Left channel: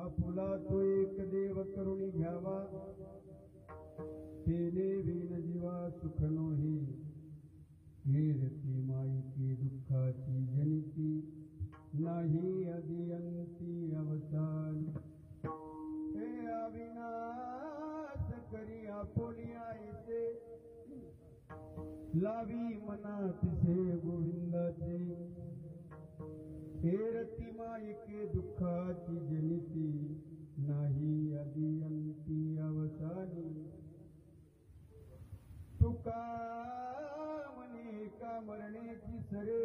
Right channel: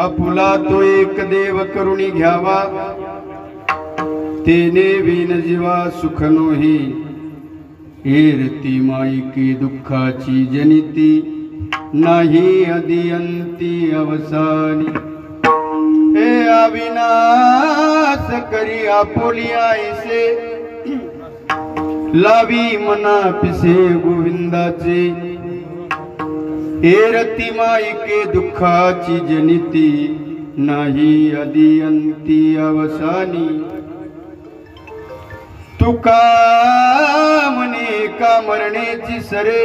आपुला तो एक देव करुणी घ्यावा, तेने विन जीवा सुख नोही। एरती माईके दुःखाची जनिती, नाही अदियंती अवसानी। हे अविनाश करी आपुली आईसे, लावी मना पिसे गोविंदाचे। एरती माईके दुःखाची जनिती, नाही अदियंती अवसानी। तुका म्हणे का मरण्याची सरे,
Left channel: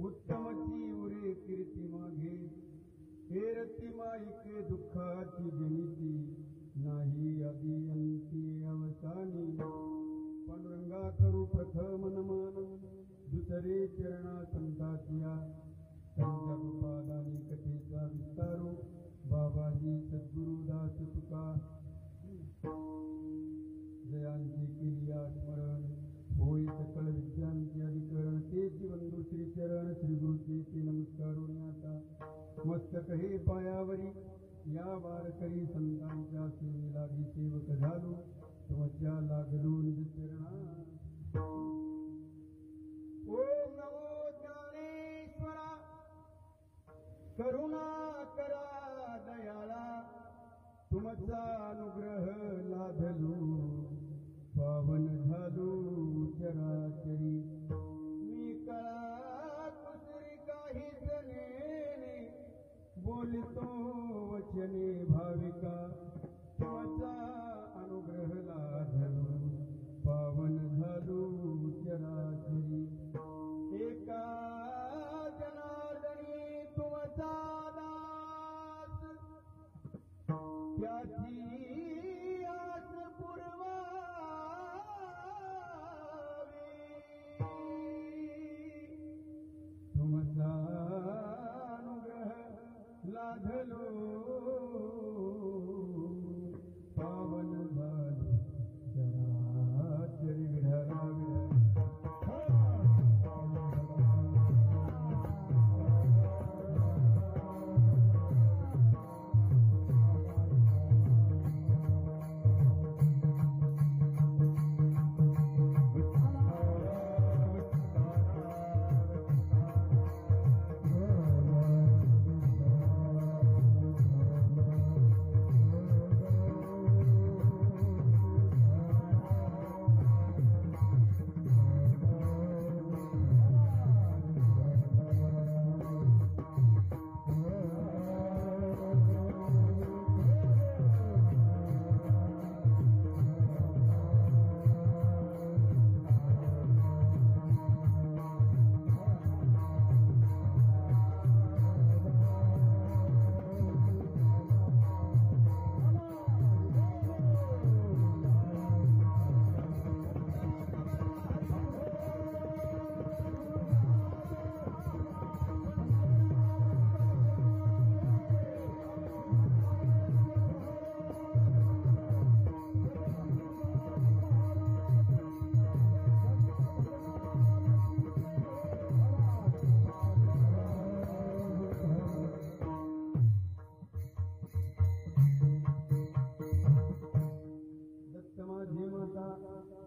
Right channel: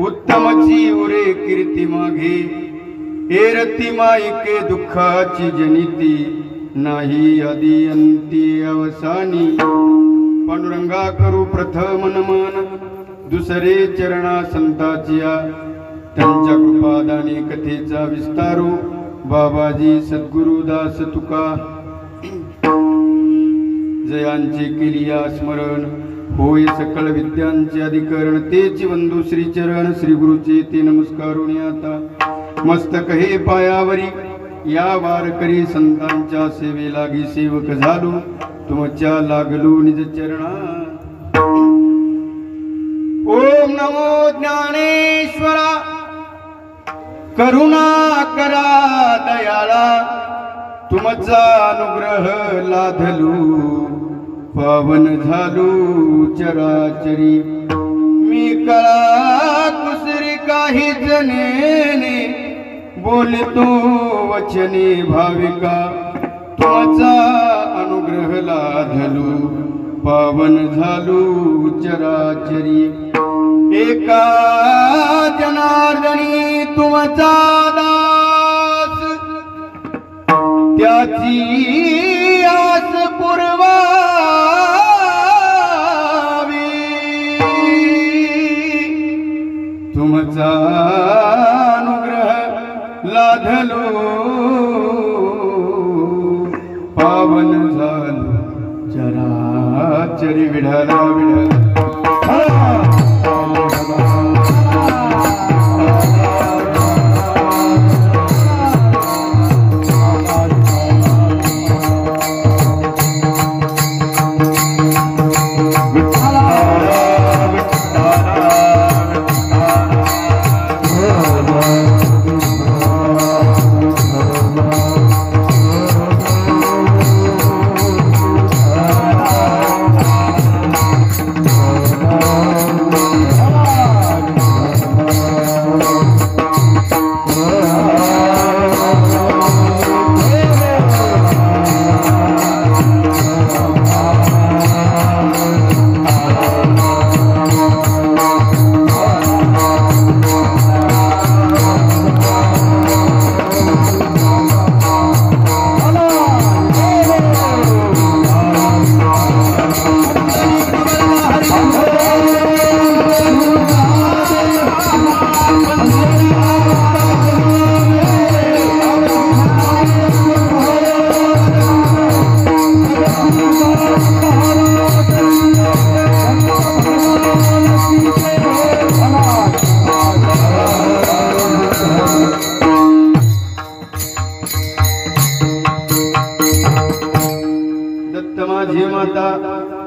उत्तमची उरे कीर्ती मागे। एरती माईके दुःखाची जनिती, नाही अदियंती अवसानी। पांडुरंगा करू प्रथम नमन, दुसरे चरणा संताचिया। त्यांच्या कृपादाने कथेचा विस्तारू, बाबाजी सद्गुरुदास तुका। जयांचे केलिया स्मरण, होय सकल विद्यांचे अधिकरण। तेची वंदू श्री चरण, श्री गुरुचे ते नमस्कारुणी आता। मस्तक हे पायावरी, या वारकरी संतांच्या सेवे लागी सेवक झालो। तुमच्या लागलो निज चरणा। ओम नमो ज्ञानेश्वरा, करुणा करा दयाळा। तुमचा अनुग्रह लाधलो, पावन झालो चराचरी। मी कळा कुसरी काही जनेने, बोलतो वचने भाविका। तुमचा अनुग्रह लाधलो, पावन झालो चराचरी। एका जनार्दनी तुमचा दास, त्याची आस पुरवावी। तुमचा अनुग्रह लाधलो, पावन झालो चराचरी। विढला विढला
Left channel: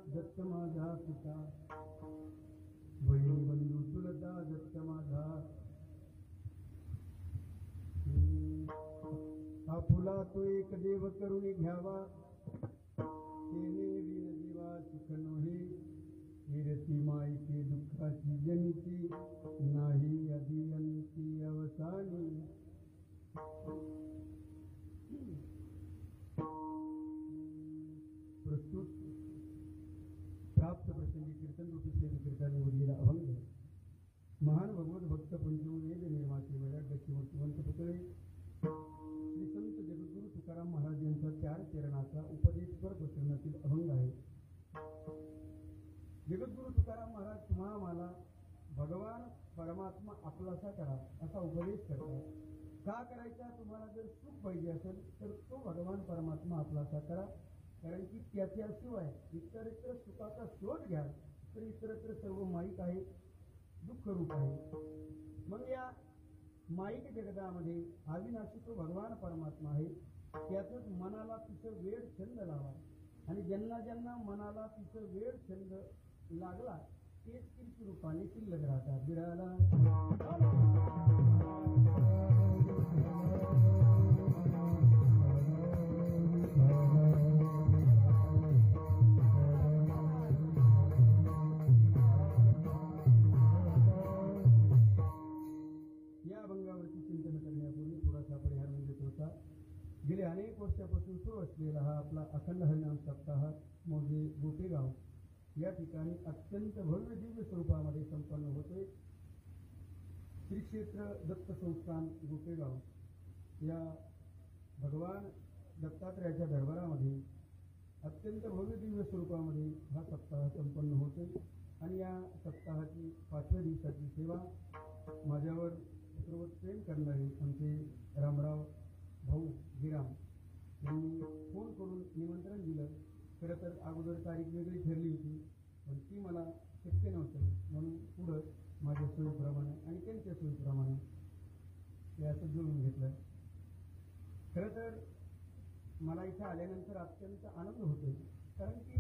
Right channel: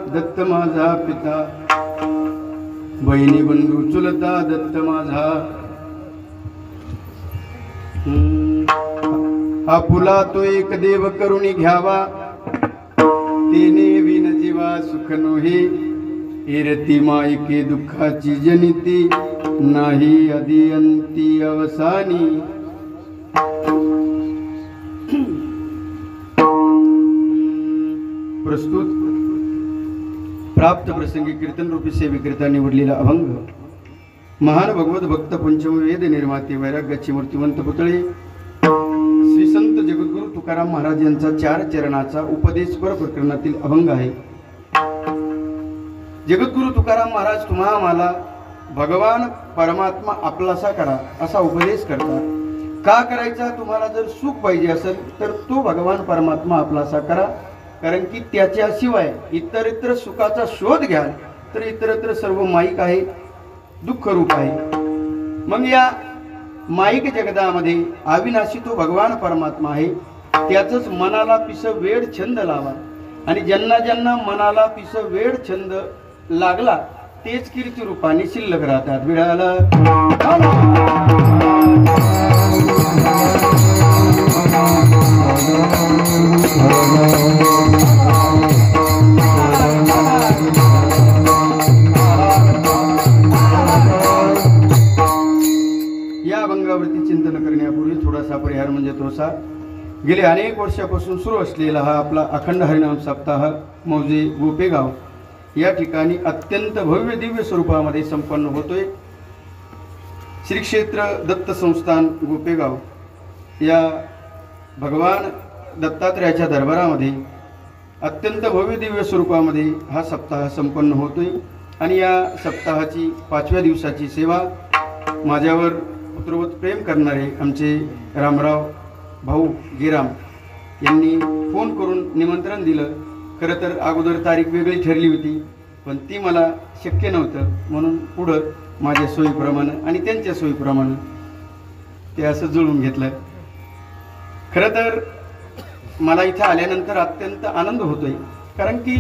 दत्त माझा पिता, बहिणी बंधू चुलता दत्त माझा। आपुला तो एक देव करुणी घ्यावा, तेने विन जीवा सुख नोहे। एरती माईके दुःखाची जनिती, नाही अदियंती अवसानी। प्रस्तुत प्राप्त प्रसंगी कीर्तन रूपी सेवेकरिता निवडलेला अभंग। महान भगवत भक्त पंचमवेद निर्माते वैराग्याचे मूर्तिवंत पुतळे श्री संत जगद्गुरु तुकाराम महाराज यांचा 4 चरणाचा उपदेशपर प्रकरणातील अभंग आहे। जगद्गुरु तुकाराम महाराज तुम्हा आम्हाला भगवान परमात्मा आपलासा करा असा उपदेश करतात। का करायचा? तुम्हाला जर सुख पाहिजे असेल तर तो भगवान परमात्मा आपलासा करा, कारण की त्याच्याशिवाय इतरत्र सुखाचा शोध घ्याल तर इतरत्र सर्व माईक आहे, दुःख रूप आहे। मग या माईक जगदामध्ये अविनाशी तो भगवान परमात्मा आहे. त्याचंच मनाला पिस वेड छंद लावा. आणि ज्यांना ज्यांना मनाला पिस वेड छंद लागला तेच कीर्ती रूपाने शिल्लक राहतात. विडाला या अभंगावरती चिंतन करण्यापूर्वी थोडासा परिहार म्हणजे तोसा. गेले अनेक वर्षापासून सुरू असलेला हा आपला अखंड हरिनाम सप्ताह मौजे गोपेगाव या ठिकाणी अत्यंत भव्य दिव्य स्वरूपामध्ये संपन्न होतोय. श्री क्षेत्र दत्त संस्थान गोपेगाव या भगवान दत्तात्रयाच्या दरबारामध्ये अत्यंत भव्य दिव्य स्वरूपामध्ये हा सप्ताह संपन्न होतोय. आणि या सप्ताहाची 5व्या दिवसाची सेवा माझ्यावर पुत्रवत प्रेम करणारे आमचे रामराव भाऊ गिराम यांनी फोन करून निमंत्रण दिलं. खरं तर अगोदर तारीख वेगळी ठरली होती, पण ती मला शक्य नव्हतं, म्हणून पुढं माझ्या सोयीप्रमाणे आणि त्यांच्या सोयीप्रमाणे ते असं जुळवून घेतलं. खरं तर मला इथं आल्यानंतर अत्यंत आनंद होतोय, कारण की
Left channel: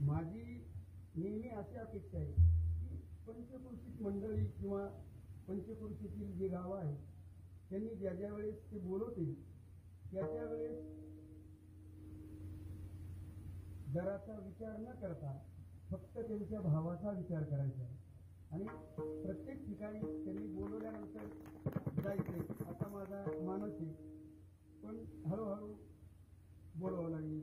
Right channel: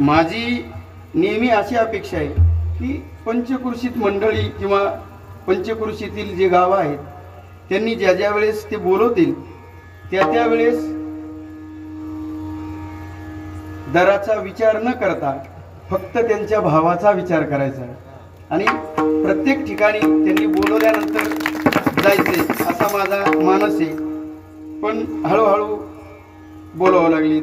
माझी नेहमी अशी अपेक्षा आहे की पंचक्रोशीत मंडळी किंवा पंचक्रोशीतील जे गावं आहेत त्यांनी ज्या ज्या वेळेस ते बोलवतील त्या त्यावेळेस दराचा विचार न करता फक्त त्यांच्या भावाचा विचार करायचा आणि प्रत्येक ठिकाणी त्यांनी बोलवल्यानंतर जायचे असा माझा मानस आहे. पण हळूहळू बोलावं लागली.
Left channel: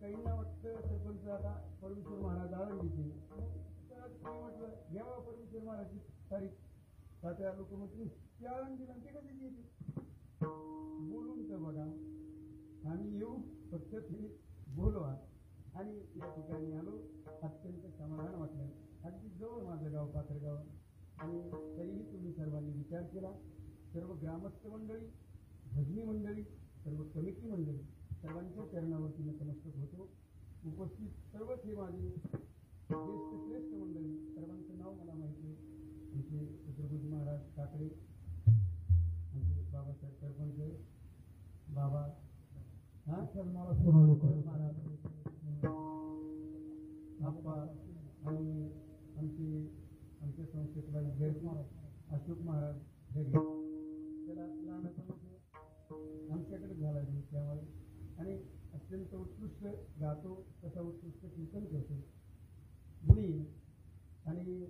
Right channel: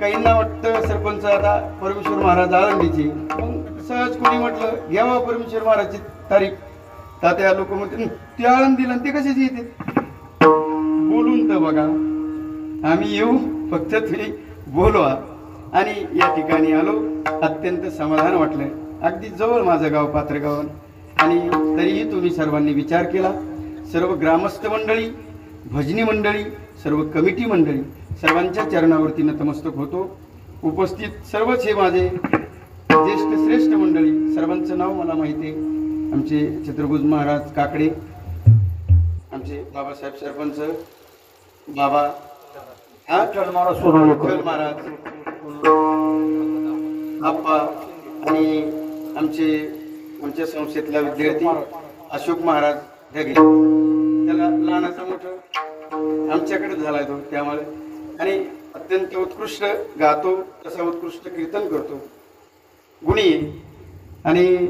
काहींना वाटतं सरपंच आता परमेश्वर महाराज आळंदीचे, मग सहज कोणी म्हटलं घ्यावा परमेश्वर महाराजची तारीख. तात्या लोक म्हणते ते आळंदीला ते कशाचे येते. बोलून तर बघा, आम्ही येऊ, फक्त तुम्ही बोलवा. आणि या ठिकाणी आलो, अत्यंत समाधान वाटलं. अगदी जवळ माझं गाव पात्रगाव, आणि तरीही तुम्ही सर्वांनी विचार केला. सर्व ग्रामस्थ मंडळी, भजनी मंडळी, सर्व कमिटी मंडळी सर्वांच्या चरणावरती नतमस्तक होतो. उपस्थित सर्वच हे माझे ज्येष्ठ श्रेष्ठ मंडळी, सर्वांचं नाव मला माहिती आहे. आमचे छत्रभुज महाराज काकडे, आमचे बाबासाहेब सरपंच, बाबा महाराज आप्पा, आणि आमच्या संस्थेतला विद्यार्थी अशोक महाराज ढगे. त्याला लहानाचा मोठं आमच्याकडे झाला तो, त्यामुळे आणि अत्यंत उत्कृष्ट गातो, तसा उत्कृष्ट कीर्तन करतो, गुणी. आणि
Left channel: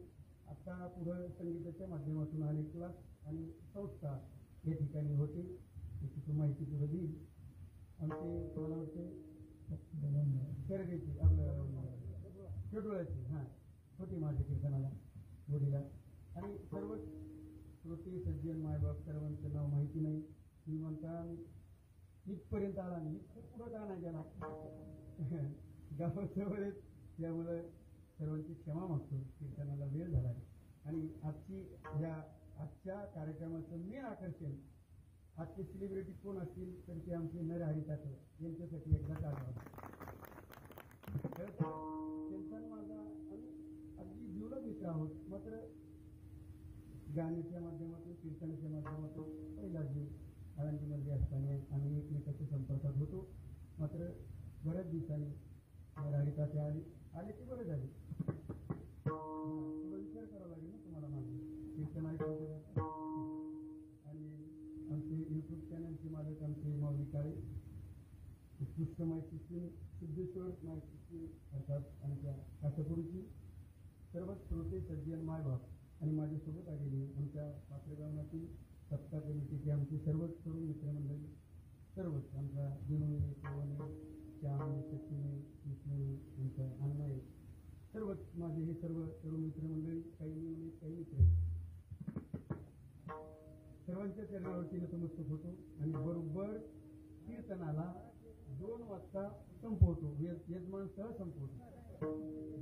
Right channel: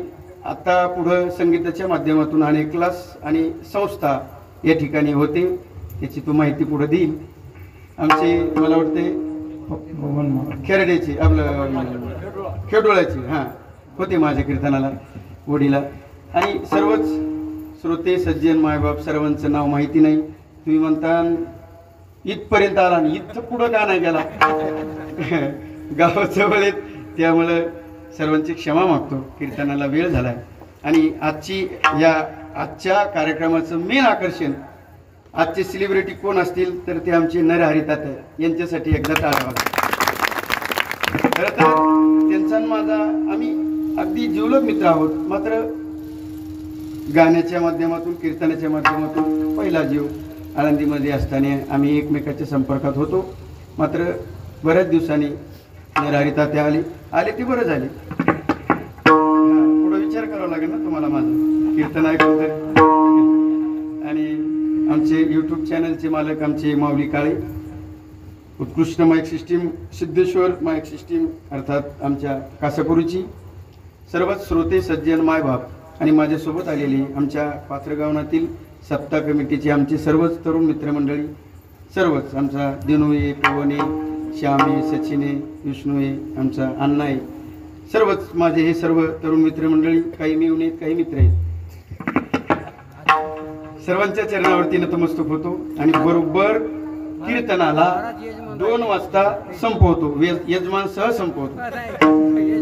आता पुढं संगीताच्या माध्यमातून अनेक क्लास आणि संस्था या ठिकाणी होते, त्याची तो माहिती पुढे देईल. आमचे मला वाटते खेरड्याची आपलं खेडोळ्याची होते माझ्या कीर्तनाला वडीला. आणि सर्वच श्रोते सज्जन मायबाप सर्वांचं नाव माहिती नाही. तुम्ही म्हणता इथपर्यंत आला आणि इथं पुढं का नाही गेला. गावाच्या वेळेत, त्यामुळं सर्वांची क्षमा मागतो. कीर्तनाला वेळ झालाय. आणि आजच्या कार्यक्रमाचं मेन आकर्षण, आजचे सेलिब्रिटी कोण असतील तर ते आमचे नरहरी तात्या, यांच्यासाठी एकदा टाळा बघा. खरं तर त्यांचा माझा आम्ही अगदी जिवलग मित्र आहोत. मात्र गाण्याच्या माध्यमातून, कीर्तनाच्या माध्यमातून पहिला जीव आळंदीमध्ये असताना आम्ही एकमेकाच्या संपर्कात होतो. मात्र बऱ्याच दिवसांनी नरहरी तात्या आले ते बरं झाले. पुढं विचार करावा लागेल ना तुम्हाला माझं कीर्तन ऐकून तरी. आणि आमचे यूट्यूब चॅनलचे मालक आमचे माऊली काळे, उत्कृष्ट mike system Siddheshwar mike system अर्थात आमच्या कासापुरीची, सर्वच श्रोते सज्जन मायबाप आणि माझ्यासोबत आलेली आमच्या पात्रगावनातील सप्ताह कमिटीचे आमचे सर्वच तरुण मित्रमंडळी, सर्वच आमचा दिनूये, पवने, श्यामे, सचिने, विष्णूये, आमचा अण्णा आहे, सर्वच माझे हे सर्व तरुण मित्रमंडळी, काही मिळून आहेत, काही मित्र आहेत. सर्वांच्या चरणावरती नतमस्तक होतो. आणि बरोबर कीर्तनाला 2 वाजता संपवतो. यजमान सह संपवतो.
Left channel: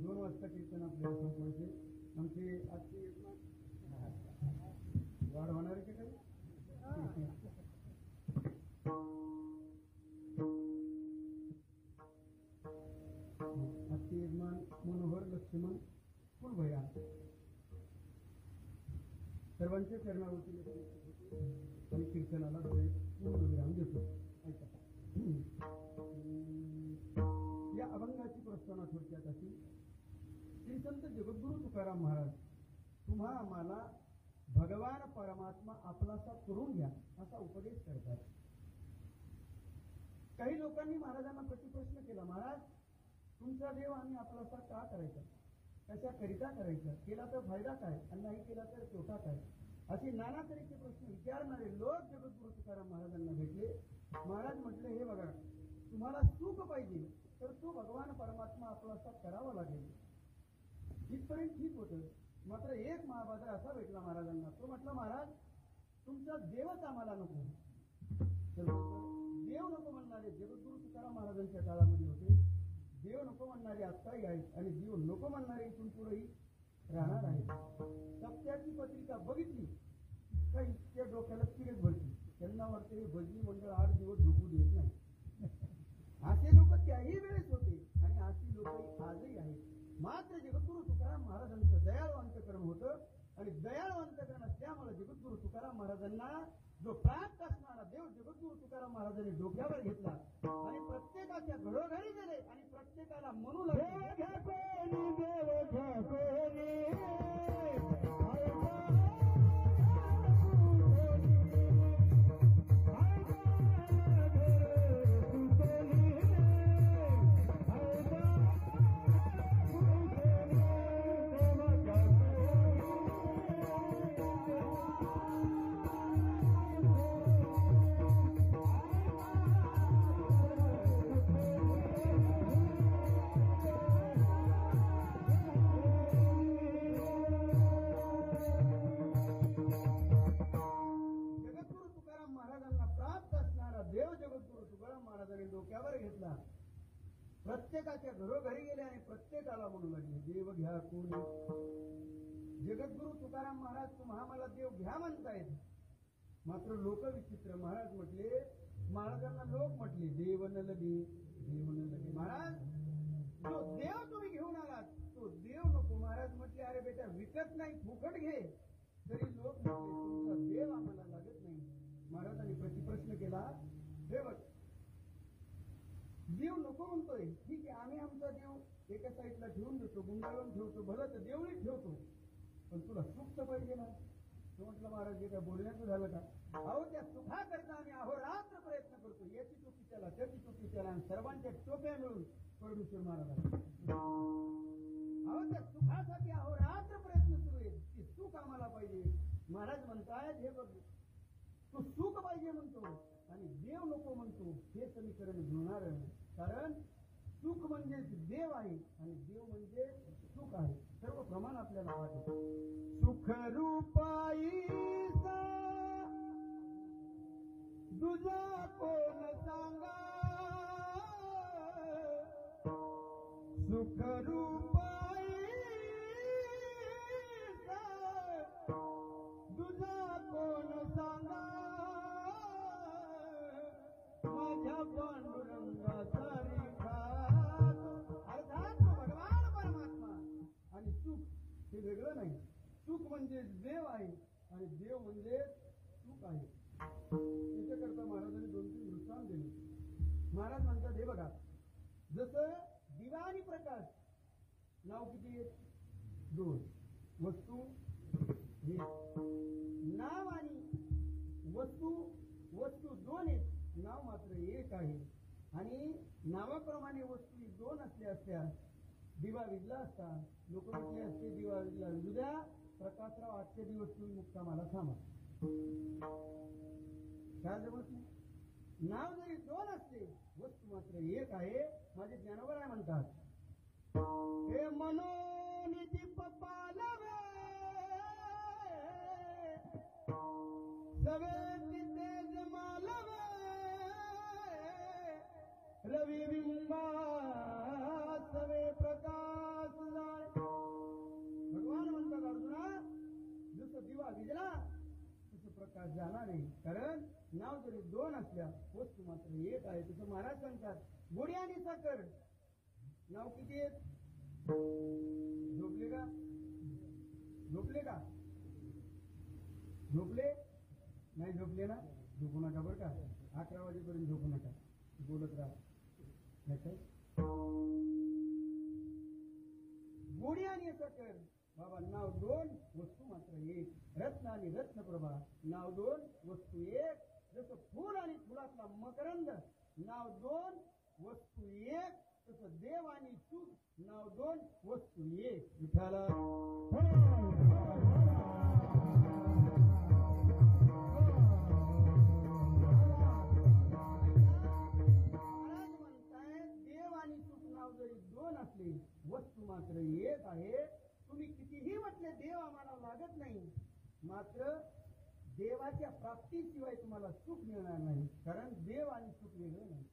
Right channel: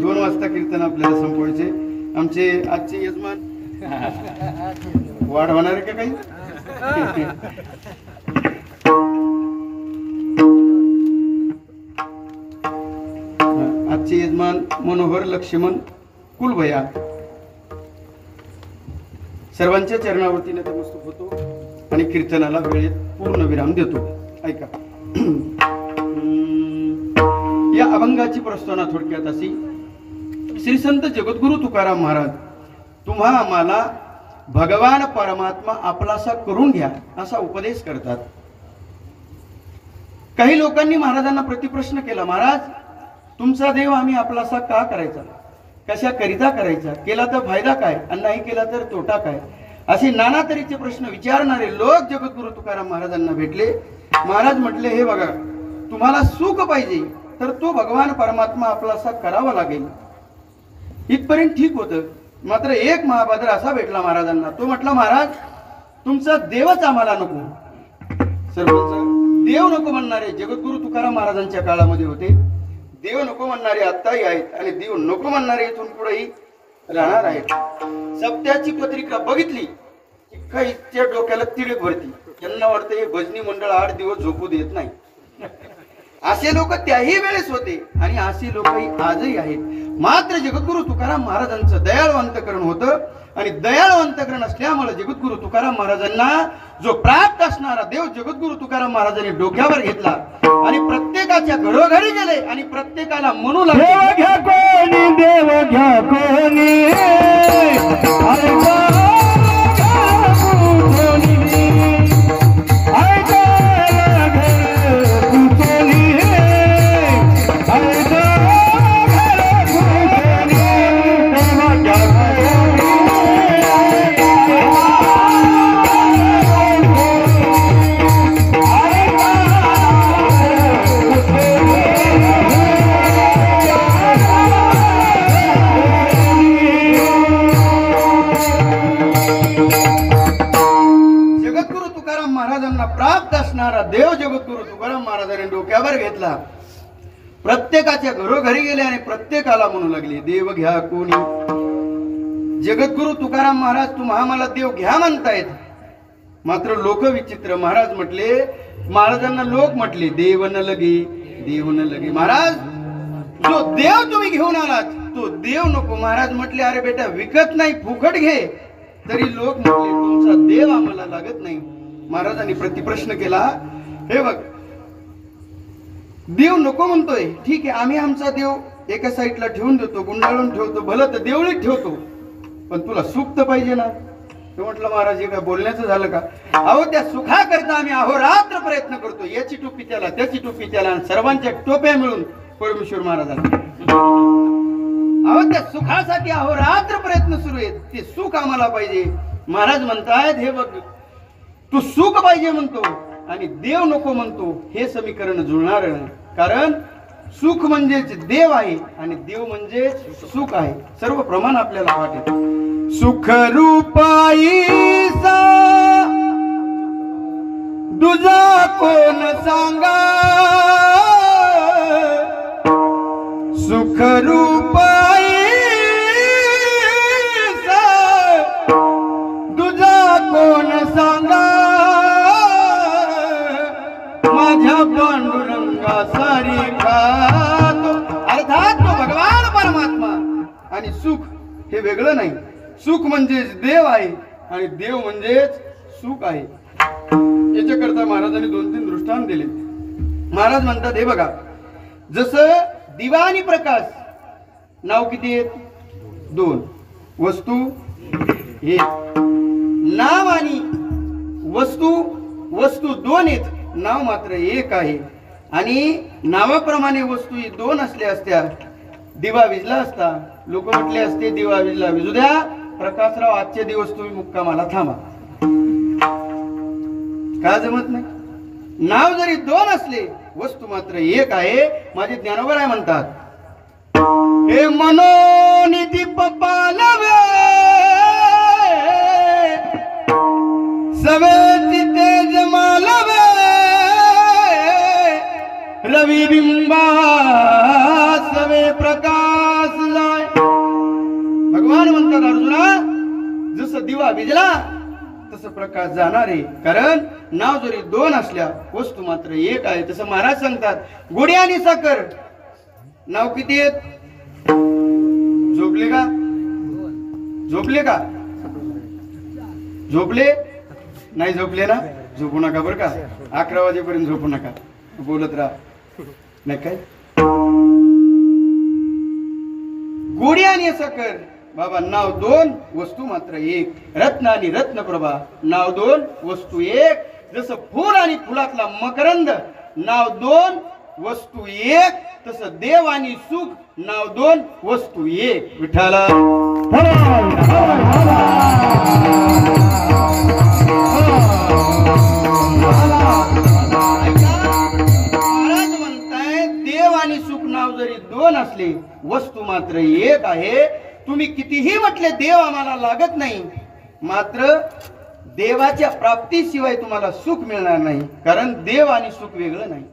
2 वाजता कीर्तन आपल्याला संपवायचे. आमचे आजचे यजमान वाढ होणार आहे का काही. आजचे यजमान मनोहर लक्ष्मण कुलभया, सर्वांच्या चरणावरती नतमस्तक होतो आणि कीर्तनाला वेळेत पूर्ण विराम देतो. ऐका. या अभंगाची प्रस्तावना थोडक्यात अशी. श्री संत जगद्गुरु तुकाराम महाराज तुम्हा आम्हाला भगवान परमात्मा आपलासा करून घ्या असा उपदेश करतात. काही लोकांनी महाराजांना प्रतिप्रश्न केला, महाराज तुमचा देव आम्ही आपलासा का करायचा, कशा करिता करायचा, केला तर फायदा काय आणि नाही केला तर तोटा काय, असे नाना तऱ्हेचे प्रश्न विचारणारे लोक जगद्गुरु तुकाराम महाराजांना भेटले. महाराज म्हटले, हे बघा तुम्हाला सुख पाहिजे तर तो भगवान परमात्मा आपलासा करावा लागेल. इथपर्यंत ठीक होतं. मात्र एक महाभाद्र असा भेटला महाराजांना. तो म्हटला, महाराज तुमचा देवच आम्हाला नको. सर्वच देव नको म्हणणारे जगद्गुरु तुकाराम महाराजांच्या काळामध्ये होते. देव नको म्हणणारे आत्ताही आहेत आणि देव नको म्हणणारे इथून पुढेही राहणार आहेत. सप्त्याची पत्रिका बघितली की काहीच्या डोक्याला तिळक भरती. त्यांना वाटतं हे भजनी मंडळ 8 दिवस झोपू देत नाही. असे लोक त्याही वेळेस होते आणि असे लोकही आजही आहेत. मात्र जगद्गुरु तुकाराम महाराजांचं दयाळू अंतकरण होतं आणि दयाळू अंतकरण असल्यामुळे जगद्गुरु तुकाराम महाराजांना जो प्राप्त असणारा देव जगद्गुरु तुकाराम महाराजांनी डोक्यावर घेतला आणि प्रत्येकाच्या घरोघरी गेले आणि प्रत्येकाला म्हणू लागले, देव घ्या कोणी, देव घ्या कोणी, देव जगद्गुरु तुकाराम महाराजांनी डोक्यावर घेतला. प्रत्येकाच्या घरोघरी गेले आणि प्रत्येकाला म्हणू लागले, देव घ्या कोणी. जगद्गुरु तुकाराम महाराज तुम्हा आम्हाला देव घ्या म्हणतायत. मात्र लोक विचित्र. महाराज म्हटले, महाराजांना लोक म्हटले, देव न लगे, देव न लगे. महाराज जो देव तुम्ही घेऊन आलात तो देव नको. महाराज म्हटले, अरे बेटा विकत नाही फुकट घे. तरी लोक म्हटले, तुमचा देव आम्हाला लागत नाही. महाराजांनी प्रतिप्रश्न केला, हे बघ देव नको म्हणतोय, ठीक आहे आम्ही आमचा देव एका साईडला ठेवून देतो, गुंडाळून ठेवतो, भलं तर देवळीत ठेवतो, पण तुला सुख तर पाहिजे ना. तो म्हटलं, महाराज हे काय बोलण्याचं झालं का. अहो त्या सुखाकरता आम्ही अहोरात्र प्रयत्न करतो. याची टोपी त्याला, त्याची टोपी त्याला, आणि सर्वांच्या टोप्या मिळून परमेश्वर महाराजांना. अहो त्या सुखासाठी अहोरात्र प्रयत्न सुरू आहेत. ते सुख आम्हाला पाहिजे. महाराज म्हणतायत, हे बघ तू सुख पाहिजे म्हणतो आणि देव नको म्हणतो, हे समीकरण जुळणार नाही. कारण सुख म्हणजेच देव आहे आणि देव म्हणजे सुख आहे. सर्व प्रमाण आपल्याला वाटेल. सुख रूपाईचा दुजा कोण सांगा, सुख रूपाईचा दुजा कोण सांगा, माझ्या पांडुरंगा सारिखा. अर्थात तो भगवान परमात्मा आणि सुख हे वेगळं नाही. सुख म्हणजेच देव आहे आणि देव म्हणजेच सुख आहे. याच्याकरता महाराजांनी 2-3 दृष्टांत दिले. महाराज म्हणतात, हे बघा जसं दिवा आणि प्रकाश नाव किती आहेत, 2, वस्तू 1. नाव आणि वस्तू 2 आहेत, नाव मात्र 1 आहे. आणि नावाप्रमाणे वस्तू 2 असल्या असत्या, दिवा विजला असता, लोक म्हटले असते दिवा विजला, विजू द्या प्रकाशराव, आजचे दिवस तुम्ही मुक्कामाला थांबा. का जमत नाही. नाव जरी 2 असले, वस्तू मात्र 1 आहे. माझे ज्ञानोबा आहे म्हणतात, हे मनोनी दीप पालवे सवेची तेज मालवे, रवी बिंबा सवे प्रकाश जाय. भगवान म्हणतात, अर्जुना जसं दिवा विजला तसं प्रकाश जाणार आहे. कारण नाव जरी 2 असल्या, वस्तू मात्र 1 आहे. तसं महाराज सांगतात, गोडी आणि साखर नाव किती आहेत, झोपले का, झोपले का, झोपले नाही? झोपले ना? झोपू नका बरं का, 11 वाजेपर्यंत झोपू नका, बोलत राहा. नाही काय गोडी आणि साखर बाबा, नाव दोन वस्तू मात्र एक. रत्न आणि रत्नप्रभा, नाव दोन वस्तू एक. जसं फूल आणि फुलातला मकरंद, नाव दोन वस्तू एक. तसं देव आणि सुख, नाव दोन वस्तू एक. विठ्ठला महाराज म्हणताय देव आणि सुख नाव जरी दोन असले, वस्तू मात्र एक आहे. तुम्ही कितीही म्हटले देव आम्हाला लागत नाही, मात्र देवाच्या प्राप्तीशिवाय तुम्हाला सुख मिळणार नाही. कारण देव आणि सुख वेगळं नाही.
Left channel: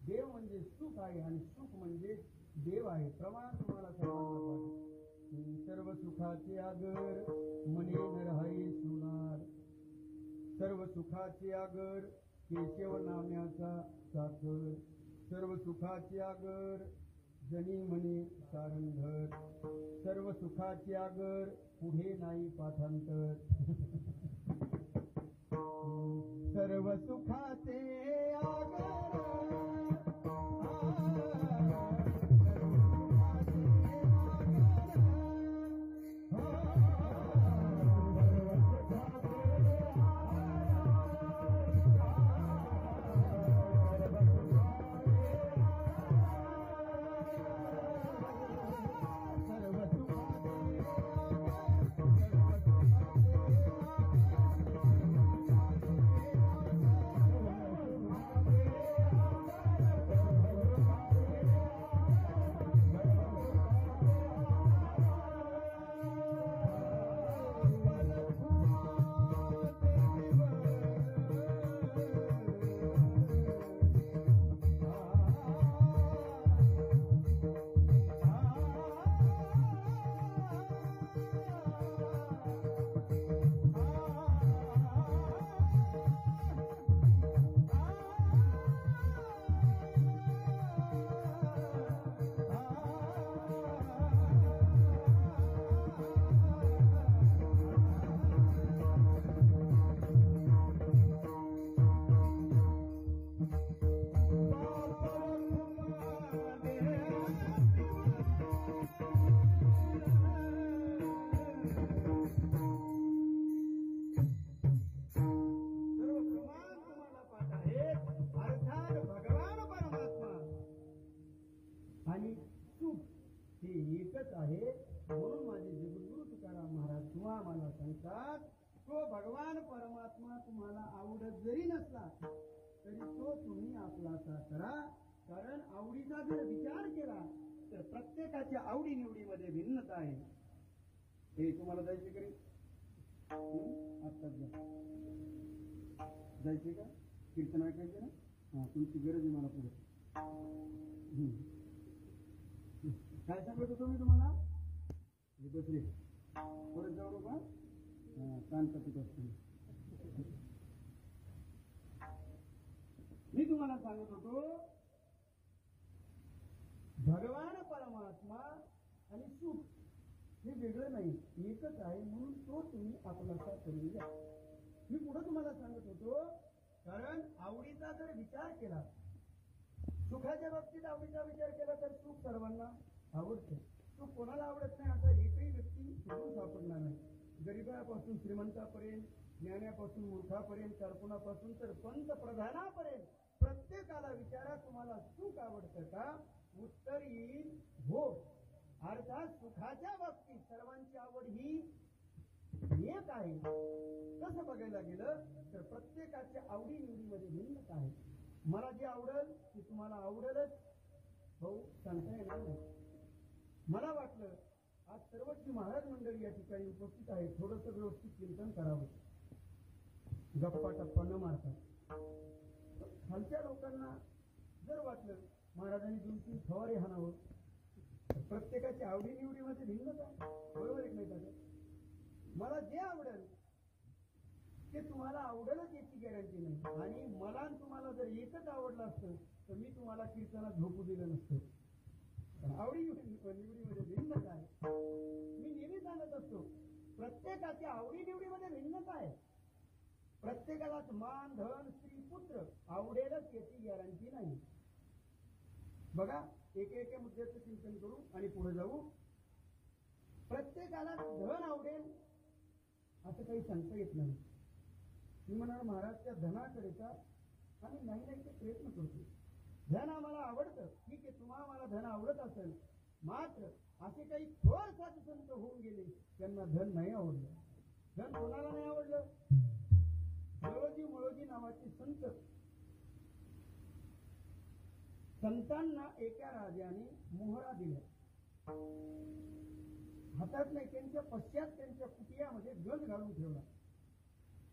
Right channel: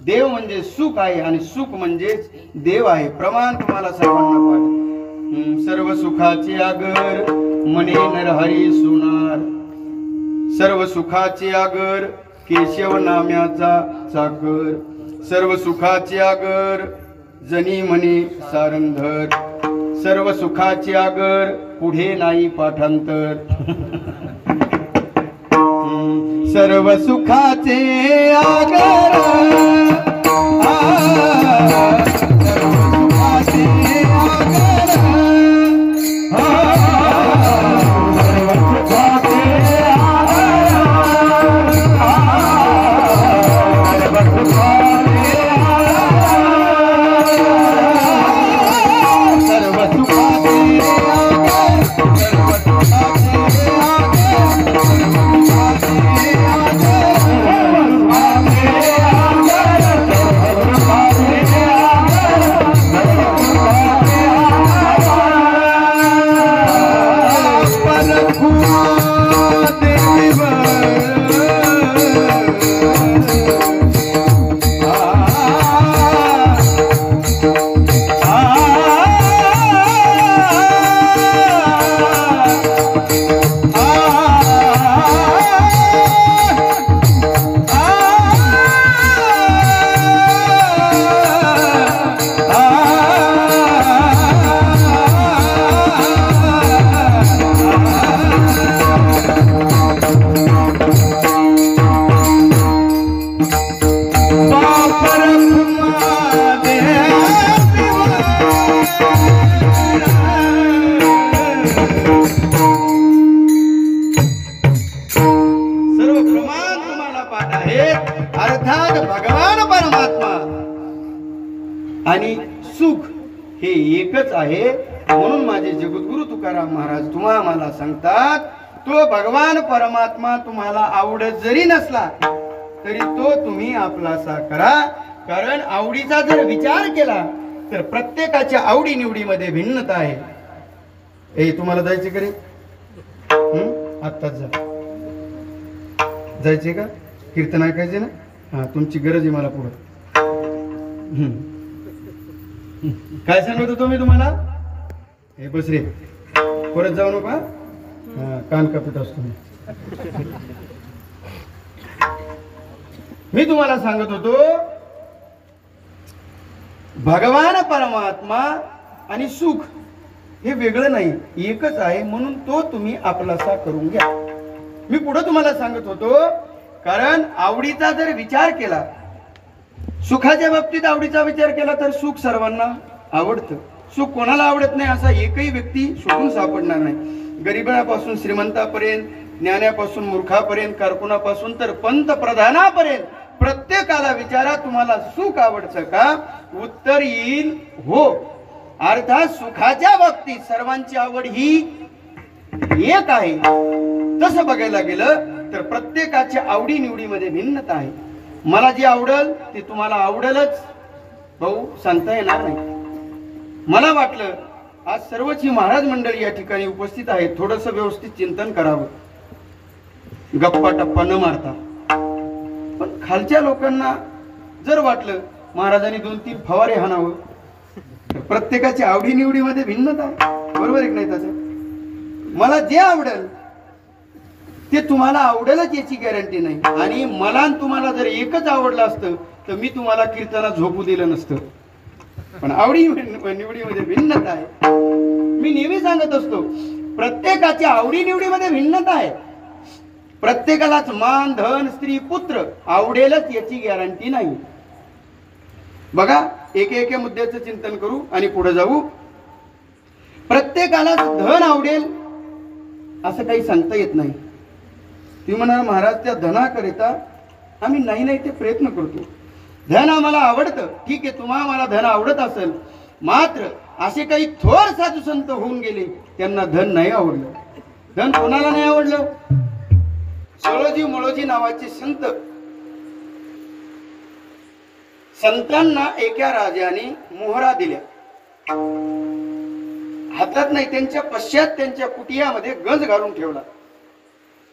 देव म्हणजे सुख आहे आणि सुख म्हणजेच देव आहे. प्रमाण तुम्हाला सर्वांना पाहिजे. सर्व सुखाचे आगर मने नरहरी सुनार. सर्व सुखाचे आगर केशव नाम्याचा सागर. सर्व सुखाचे आगर जनी म्हणे सारंधर. सर्व सुखाचे आगर पुढे नाही पाठांतर. सर्व सुखाचे आगर आणि सुख हे एकच आहे. म्हणून माझे जगद्गुरु तुकाराम महाराज तुम्हा मला सांगतात, तो भगवान परमात्मा तुम्हाला आवडत जरी नसला तरी तो तुम्ही आपलासा करा. कारण आवडीचा जर विचार केला तर प्रत्येकाच्या आवडी निवडीमध्ये भिन्नता आहे. हे तुम्हाला जायचे करे आत्ताच जा, जायचे का? कीर्तन ऐकायचे ना? हा, तुमची गरज आहे मला पुढे. काय सांगत होतो मी तुम्हाला? हे बस रे, परत जाऊ नका. कान कापत असतो मी तुम्हाला सांगत होतो, भगवान परमात्मा आणि सुख हे वेगळं नाही, एकच आहे. म्हणून तो तुम्ही आपलासा करून घ्या. मी पुढे तुम्हाला सांगत होतो, कारण आवडीचा जर विचार केला, सुखाच्या बाबतीत आवडीचा विचार केला तर सुख सर्वांना आवडतं. सुख कोणाला आवडत नाही असा एकही व्यक्ती शोधून सापडणार नाही. गरीबापासून श्रीमंतापर्यंत, ज्ञानापासून मूर्खापर्यंत, कारकुनापासून तर पंतप्रधानापर्यंत प्रत्येकाला विचारा, तुम्हाला सुख आवडतं का? उत्तर येईल हो. अर्थात सुखाच्या बाबतीत सर्वांची आवड ही एक आहे. तसं बघायला गेलं तर प्रत्येकाच्या आवडी निवडीमध्ये भिन्नता आहे. मला जे आवडल ते तुम्हाला आवडलच भाऊ सांगता येणार नाही. मला वाटलं आज सर्वच ही महाराज मंडळी या ठिकाणी उपस्थित आहेत, थोडंसं व्यवस्थित चिंतन करावं, गप्पा टप्पा न मारता. पण खालच्या लोकांना जर वाटलं महाराजांनी 2-3 फवारे हाणावं, तर प्रत्येकाच्या आवडी निवडीमध्ये भिन्नता आहे. बरोबर आहे नाही? तसं मला जे आवडेल ते तुम्हाला आवडेलच याची गॅरंटी नाही. आणि मला तुम्हाला जर एकच आवडलं असतं तर मी तुम्हाला कीर्तनात झोपू दिलं नसतं. पण आवडी निवडीमध्ये भिन्नता आहे. मी नेहमी सांगत असतो, प्रत्येकाच्या आवडी निवडीमध्ये भिन्नता आहे. प्रत्येकालाच मान धन स्त्री पुत्र आवडेलच याची गॅरंटी नाही. बघा, एके मुद्द्याचं चिंतन करू आणि पुढे जाऊ. प्रत्येकालाच धन आवडेल असं काही सांगता येत नाही. तुम्ही म्हणाल महाराज त्या धनाकरिता आम्ही नाही ते प्रयत्न करतो. धन आम्हाला आवडतं, ठीक आहे, तुम्हाला मला धन आवडत असेल, मात्र असे काही थोर साधू संत होऊन गेले त्यांना धन नाही आवडलं. धन कोणाला नाही आवडलं? सळोजी मोळोजी नावाचे संत. संतांना एका राजाने मोहरा दिल्या, हातात नाही, त्यांच्या पश्चात त्यांच्या कुटियामध्ये गंज घालून ठेवला.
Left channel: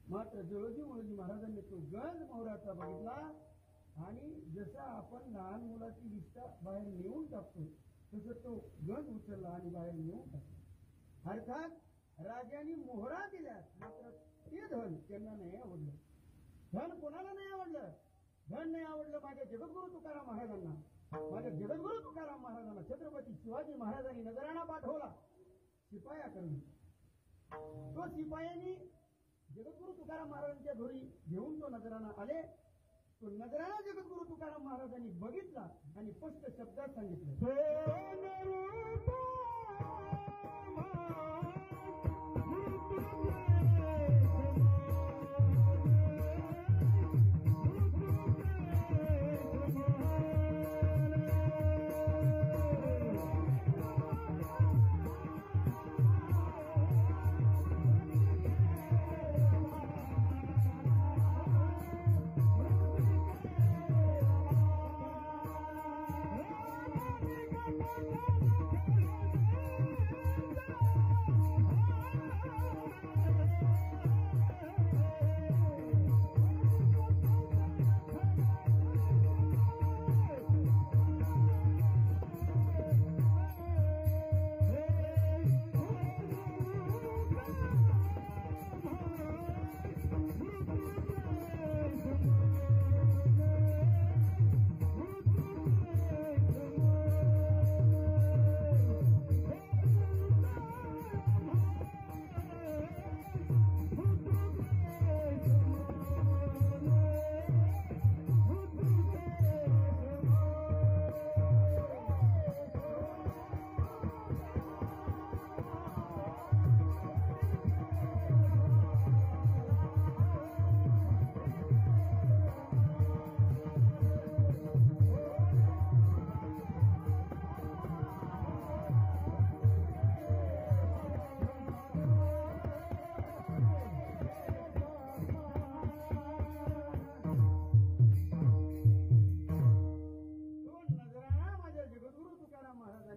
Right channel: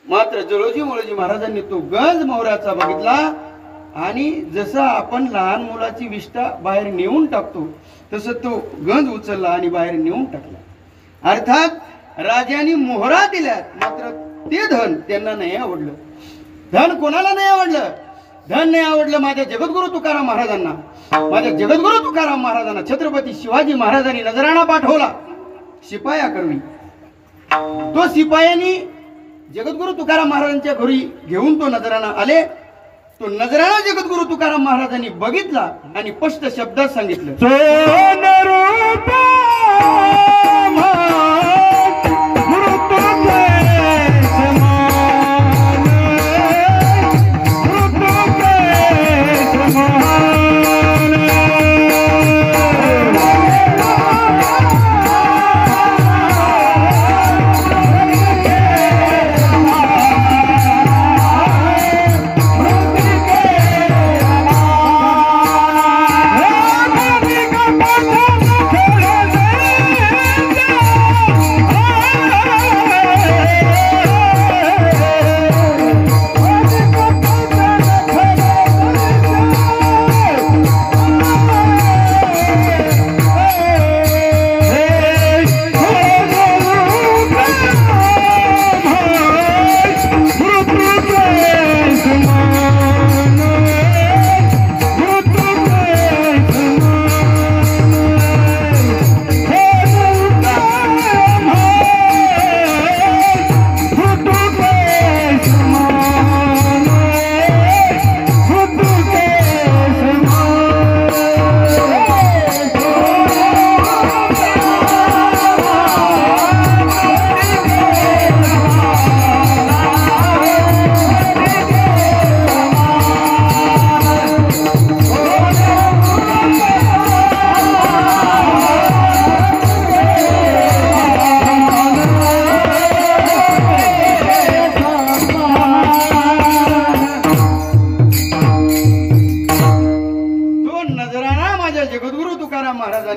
मात्र जळोजी मोळोजी महाराजांनी तो गंज मोहराचा बघितला आणि जसं आपण लहान मुलाची विष्ठा बाहेर नेऊन टाकतो तसं तो गंज उचलला आणि बाहेर नेऊन टाकला. अर्थात राजाने मोहरा दिल्यात, मात्र ते धन त्यांना नाही आवडलं. धन कोणाला नाही आवडलं? धन नाही आवडलं माझ्या जगद्गुरु तुकाराम महाराजांना. माझ्या जगद्गुरु तुकाराम महाराजांना छत्रपती शिवाजी महाराजांनी नजराणा पाठवला शिपाया करवी. तो शिपायांनी जगद्गुरु तुकाराम महाराजांच्या घरी घेऊन तो नजराणा आले. तो नजराणा जगद्गुरु तुकाराम महाराजांनी बघितला आणि स्पष्ट शब्दात सांगितलं,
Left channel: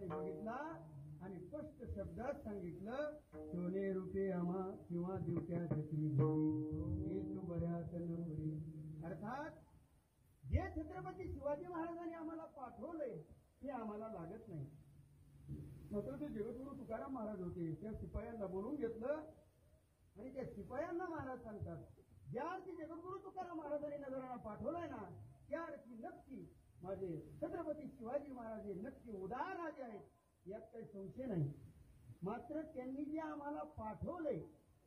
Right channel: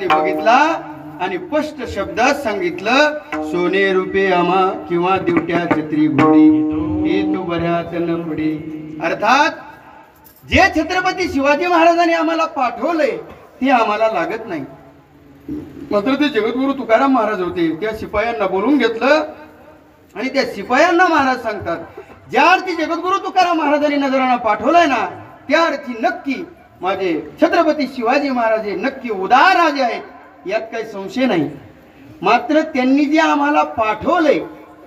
बघितला आणि स्पष्ट शब्दात सांगितलं, सोने रुपे आम्हा किंवा दिवट्या छत्री घोडी हे तू बऱ्याच न पडे. अर्थात जे छत्रपती शिवाजी महाराजांनी आम्हाला पाठवलंय ते आम्हाला लागत नाही. मात्र ते जगद्गुरु तुकाराम महाराज होते, त्या शिपायांना बोलून घेतलं आणि त्या शिपायांना महाराज सांगतात, ज्या अर्थी जगद्गुरु तुकाराम महाराजांनी नजराणा पाठवलाय ना, त्या अर्थी नक्की माझे छत्रपती शिवाजी महाराज नक्की उदार राजे आहेत, यात काही संशय नाही. मात्र त्यांनी जे आम्हाला पाठवलंय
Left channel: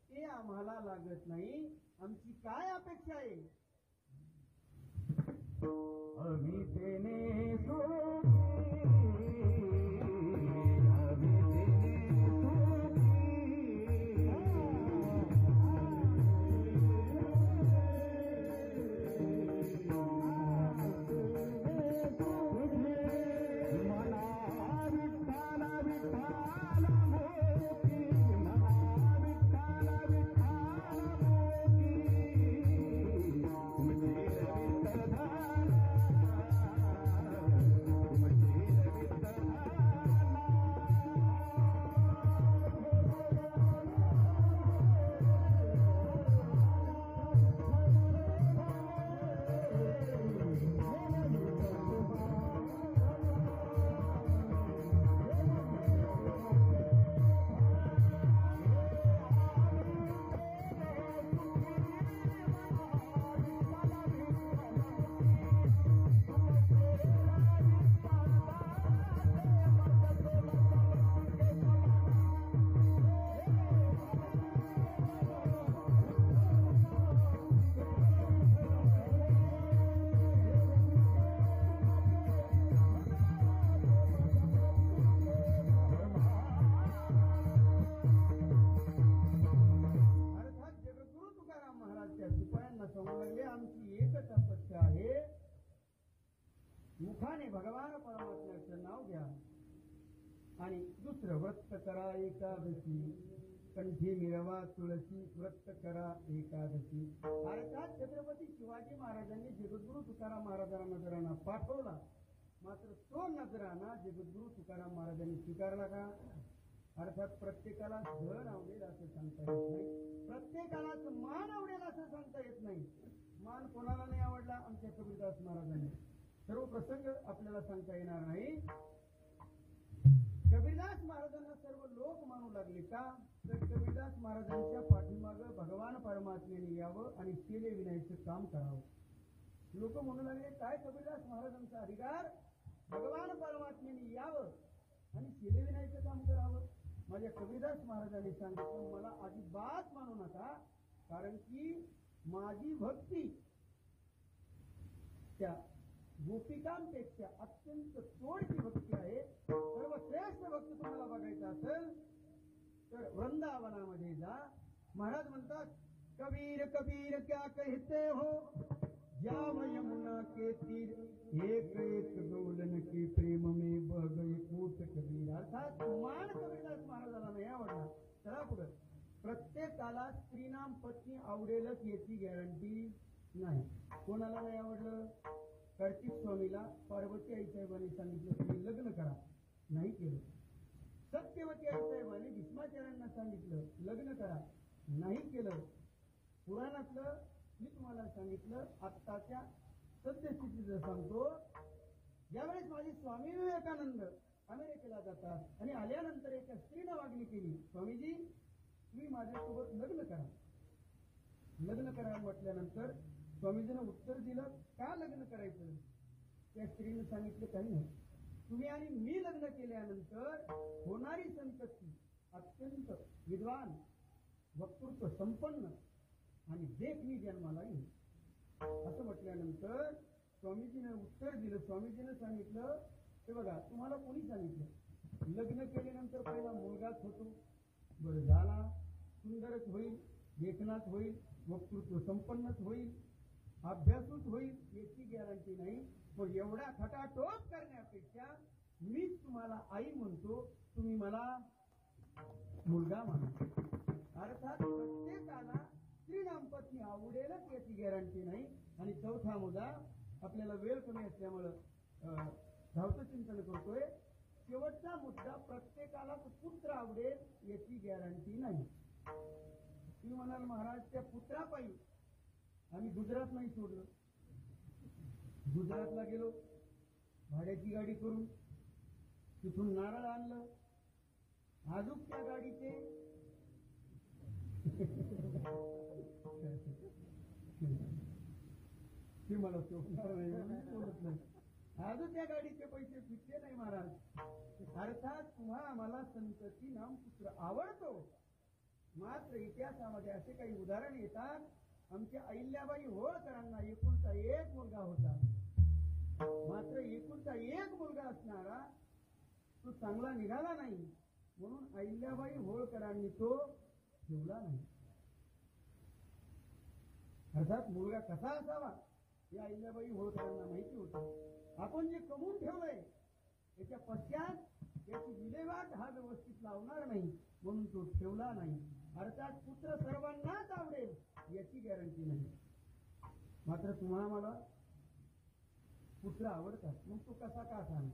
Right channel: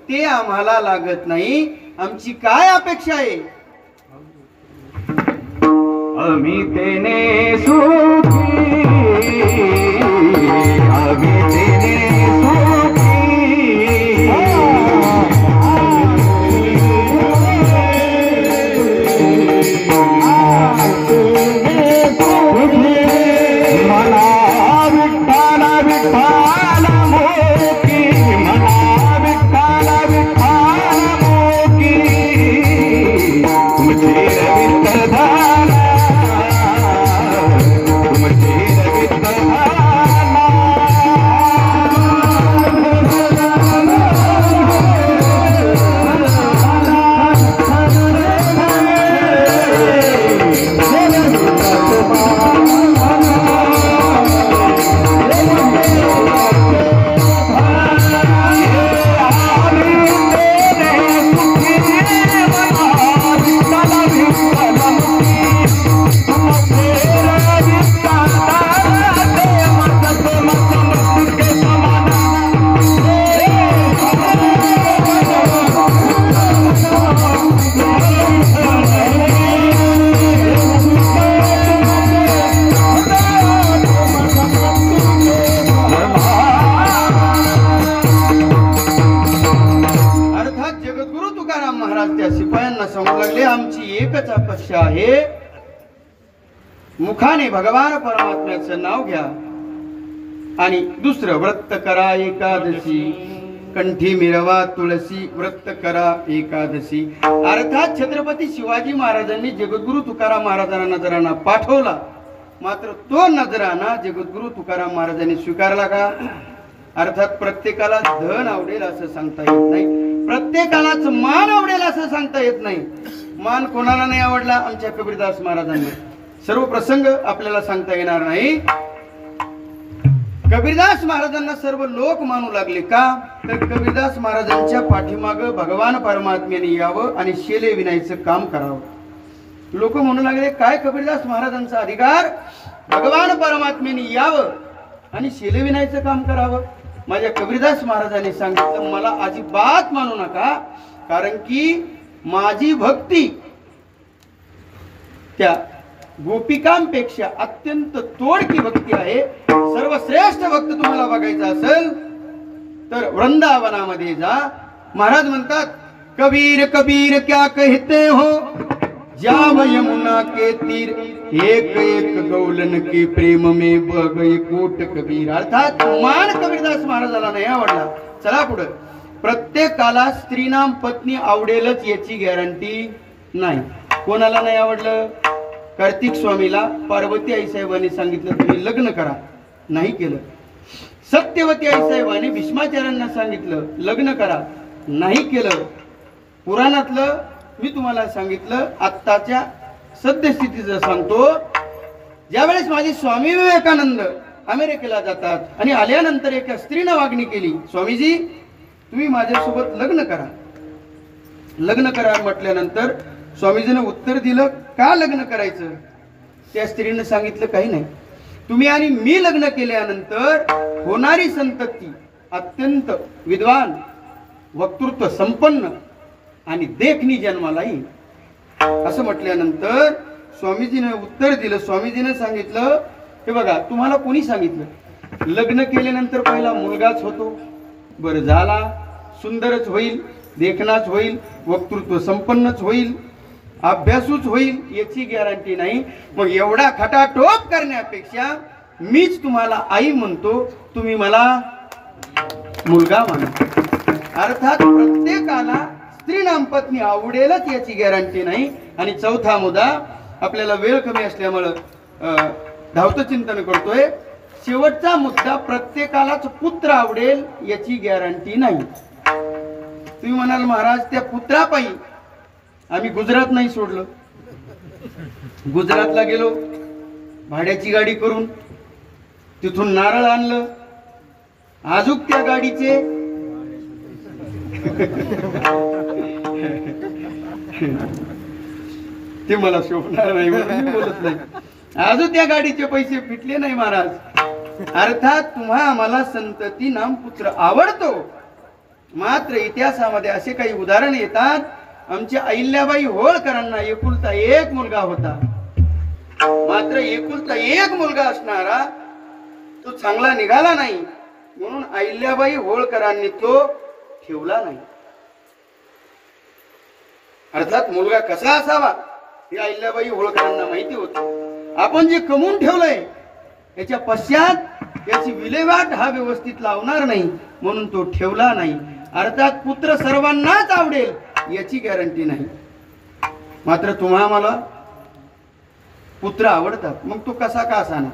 ते आम्हाला लागत नाही. आमची काय अपेक्षा आहे? आम्ही तेने सुखी, आम्ही तेने सुखी महाराज त्या शिपायांना सांगू लागले, आमची एकच अपेक्षा आहे, मुखाने भगवान परमात्म्याचं नाव घ्या आणि दुसरं व्रत करा एकादशी, कंठी मिरवा तुळशी, व्रत करा एकादशी. अर्थात छत्रपती शिवाजी महाराजांनी जगद्गुरु तुकाराम महाराजांना नजराणा पाठवला, मात्र तो नजराणा जगद्गुरु तुकाराम महाराजांनी स्वीकारला का? अर्थात प्रत्येकाला धन आवडेल असं सांगता येत नाही, प्रत्येकालाच मान आवडेल असं सांगता येत नाही. मान कोणाला नाही आवडला? आमच्या कबीरदास महाराजांनी. सर्व प्रसंग आपल्याला सांगता येणार नाही. कबीरदास महाराजांना सर्व लोक मानू लागले का? तर कबीरदास महाराजांच्या पाठीमाग भगवान परमात्म्याने यावं आणि शेले विनायचं काम करावं. लोक म्हणू लागले, काय कबीरदास महाराजांचा अधिकार, भगवान परमात्म्याने यावं आणि शेले विनायचं काम करावं? माझ्या कबीरदास महाराजांनी सांगितलं, मला अजिबात मानू नका, कारण की माझी भक्ती त्या गोपिकांपेक्षा अत्यंत तोडकी भक्ती आहे. सर्वश्रेष्ठ भक्त तुम्हाला बघायचा असेल तर वृंदावनामध्ये जा. महाराज म्हणतात, कबीर कबीर क्या कहते हो, जाव यमुना के तीर, एक एक गौलन के प्रेम में बह गए कोट कबीर. अर्थात मान कबीरदास महाराजाला नाही आवडला. चला पुढे. प्रत्येकाला स्त्रीनाम पत्नी आवडेलच याची गॅरंटी नाही. कोणाला नाही आवडलं? कार्तिक स्वामीला पार्वती आई साहेबांनी सांगितलं तुम्ही लग्न करा, नाही केलं. सत्यवती आई साहेबांनी भीष्माचार्यांना सांगितलं लग्न करा, नाही केलं. पुराणातलं मी तुम्हाला सांगितलं, आत्ताच्या सद्यस्थितीचं सांगतो. ज्यावेळेस माझे स्वामी विवेकानंद अमेरिकेला जातात आणि आल्यानंतर एका स्त्रीनं मागणी केली, स्वामीजी तुम्ही माझ्यासोबत लग्न करा. लग्न करा म्हटल्यानंतर स्वामीजीने उत्तर दिलं, का लग्न करायचं? त्या स्त्रीनं सांगितलं, काही नाही, तुम्ही आणि मी लग्न केल्यानंतर होणारी संतती अत्यंत विद्वान, वक्तृत्व संपन्न आणि देखणी जन्माला येईल. असं म्हटल्यानंतर स्वामीजीने उत्तर दिलं. स्वामीजीने सांगितलं, हे बघा तुम्हाला कोणी सांगितलं लग्न केल्यानंतर पहिला मुलगाच होतो? बरं झाला, सुंदरच होईल, देखणाच होईल, वक्तृत्व संपन्नच होईल, अभ्यासूच होईल याची गॅरंटी नाही. मग एवढा खटाटोप करण्यापेक्षा मीच तुम्हाला आई म्हणतो, तुम्ही मला मुलगा माना. अर्थात प्रत्येकाला स्त्रीनाम पत्नी आवडेलच याची गॅरंटी नाही. आणि चौथा मुद्दा, आपल्याला वेळ कमी असल्यामुळं धावतं चिंतन करतोय. शेवटचा मुद्दा, प्रत्येकालाच पुत्र आवडेल याची गॅरंटी नाही. तुम्ही म्हणाल महाराज त्या पुत्रापायी आम्ही गुजरात नाही सोडलं, गुजरातला गेलो भाड्याची गाडी करून, तिथून नारळ आणलं, आजूक त्या गाडीचे ते मला शोभणार नाही म्हणून मी बोलत नाही. अजून त्या गाडीचे पैसे फिटले नाही महाराज. अर्थात तुम्हा आम्हाला संतती नाम पुत्र आवडतो, मात्र इतिहासामध्ये असे काही उदाहरण येतात, आमच्या अहिल्याबाई होळकरांना एकुलता एक मुलगा होता, मात्र एकुलता एक मुलगा असणारा तो चांगला निघाला नाही, म्हणून अहिल्याबाई होळकरांनी तो ठेवला नाही. अर्थात मुलगा कसा असावा हे अहिल्याबाई होळकरांना माहिती होतं. आपण जे कमवून ठेवलंय याच्या पश्चात याची विल्हेवाट हा व्यवस्थित लावणार नाही, म्हणून तो ठेवला नाही. अर्थात पुत्र सर्वांनाच आवडेल याची गॅरंटी नाही, मात्र तुम्हा मला पुत्र आवडतात, मग तो कसा का असाना.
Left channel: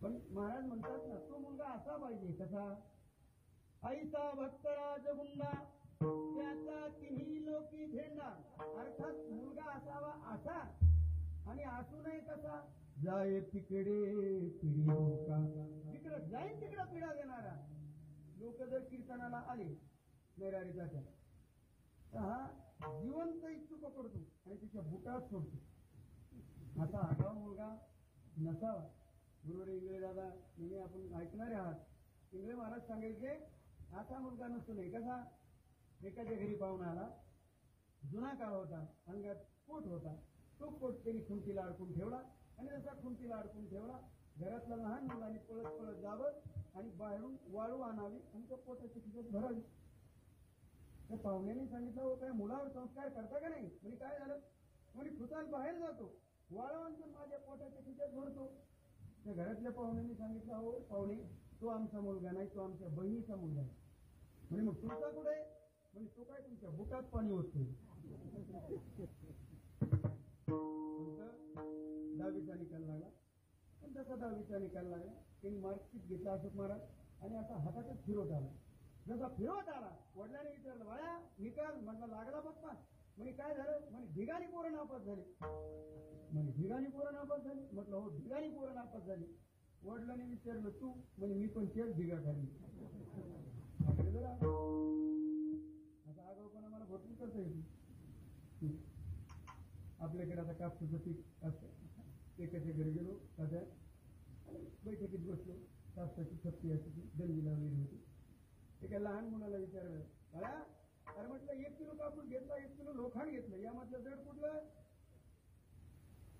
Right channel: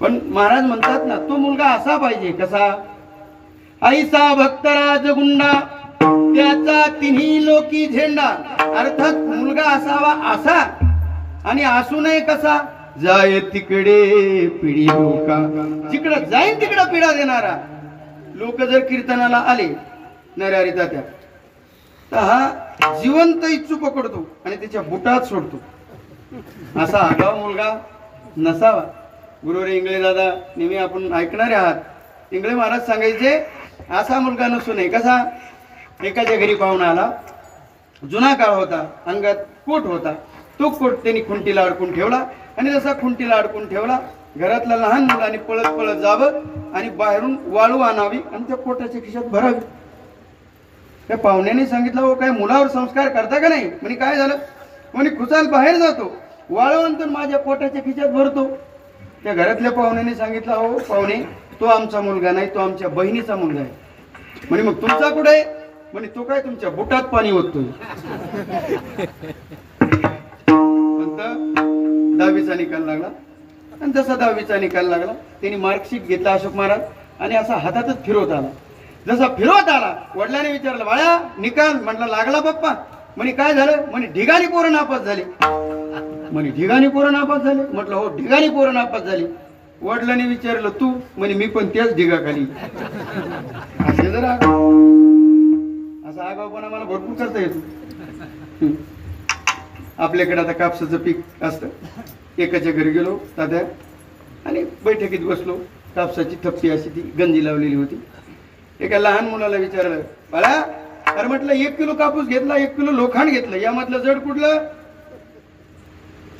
पण महाराज म्हणतात ना, तो मुलगा असा पाहिजे कसा, ऐसा भक्तराज गुंडा त्याचा तिन्ही लोकी झेंडा. अर्थात मुलगा असावा असा, आणि असू नये कसा, जाय तिकडे पिढी लोका, जिकडं जाईन तिकडं पिढा देणारा. लोक जर कीर्तनाला आले नऱ्यारी तात्या तर हा जिवंत इच्छू पकडतो आणि त्याच्या बुटात सोडतो. असा आगाव मुलगा नसावा. गुरुरे इंगळे दादा नेहमी आपण ऐकणारे आहात, इंगळे महाराज सांगायचे असा मुलगा नसू नये कसा. एकाच्या घरी पाहुणा आला, जुना काळ होता, अंगात कोट होता, तो कोट त्यांनी खुंटीला अडकून ठेवला, आणि जसा खुंटीला अडकून ठेवला घरातल्या लहान मुलांनी पळत पळत जावं आणि बाहेरून वाळू आणावी आणि त्या कोटाच्या खिशात भरावी. त्या पाहुण्याने सांगितलं हो काय मुलावर संस्कार करता का नाही? म्हणे काय झालं? म्हणे खुशाल बाहेर जातो, वाळवंत माझ्या पोटाच्या खिच्यात भरतो. त्या घरातल्या पाहुण्याने सांगितलं हो पाहुणे, तो आमचा मुलगा नाही, तो आमच्या बहिणीचा मुलगा आहे. म्हणे मग तुमचा कुठे आहे? म्हणे तो काय तुमच्या बुटात पाणी ओततोय. दहावीचा निकाल लागला आणि जसा 10वीचा निकाल लागला त्यांनी मार्कशीट घेतला अशोक महाराज आणि असा हातातच फिरवत आला. जसा फिरवत आला वडिलांनी विचारलं बाळा निकाल? म्हटलं लागला पप्पा. म्हणे काय झालं? म्हणे ढिगाणी पोरं नापास झाली. म्हणे ढिगाणी पोरं नापास झाले? म्हटलं हो ढिगाणी पोरं नापास झाली. वडिलांनी विचारलं तू? म्हणे मी पण त्याच ढिगाखाली. असे जर असा आगाऊपणा मला भरपूर करता येतो. आपल्याकडे आता कापसाचं पीक असतं. एकाच्या घरी गेलो तात्या आणि बैठकीत बसलो. कापसाची थप्पी अशी ती गंजी लावलेली होती. एका लहान मुलाला विचारलं बाळा अरे म्हटलं 1 किलो कापूस घेतला, 1 किलो लोखंड घेतलं, यामधलं जड कुठलं?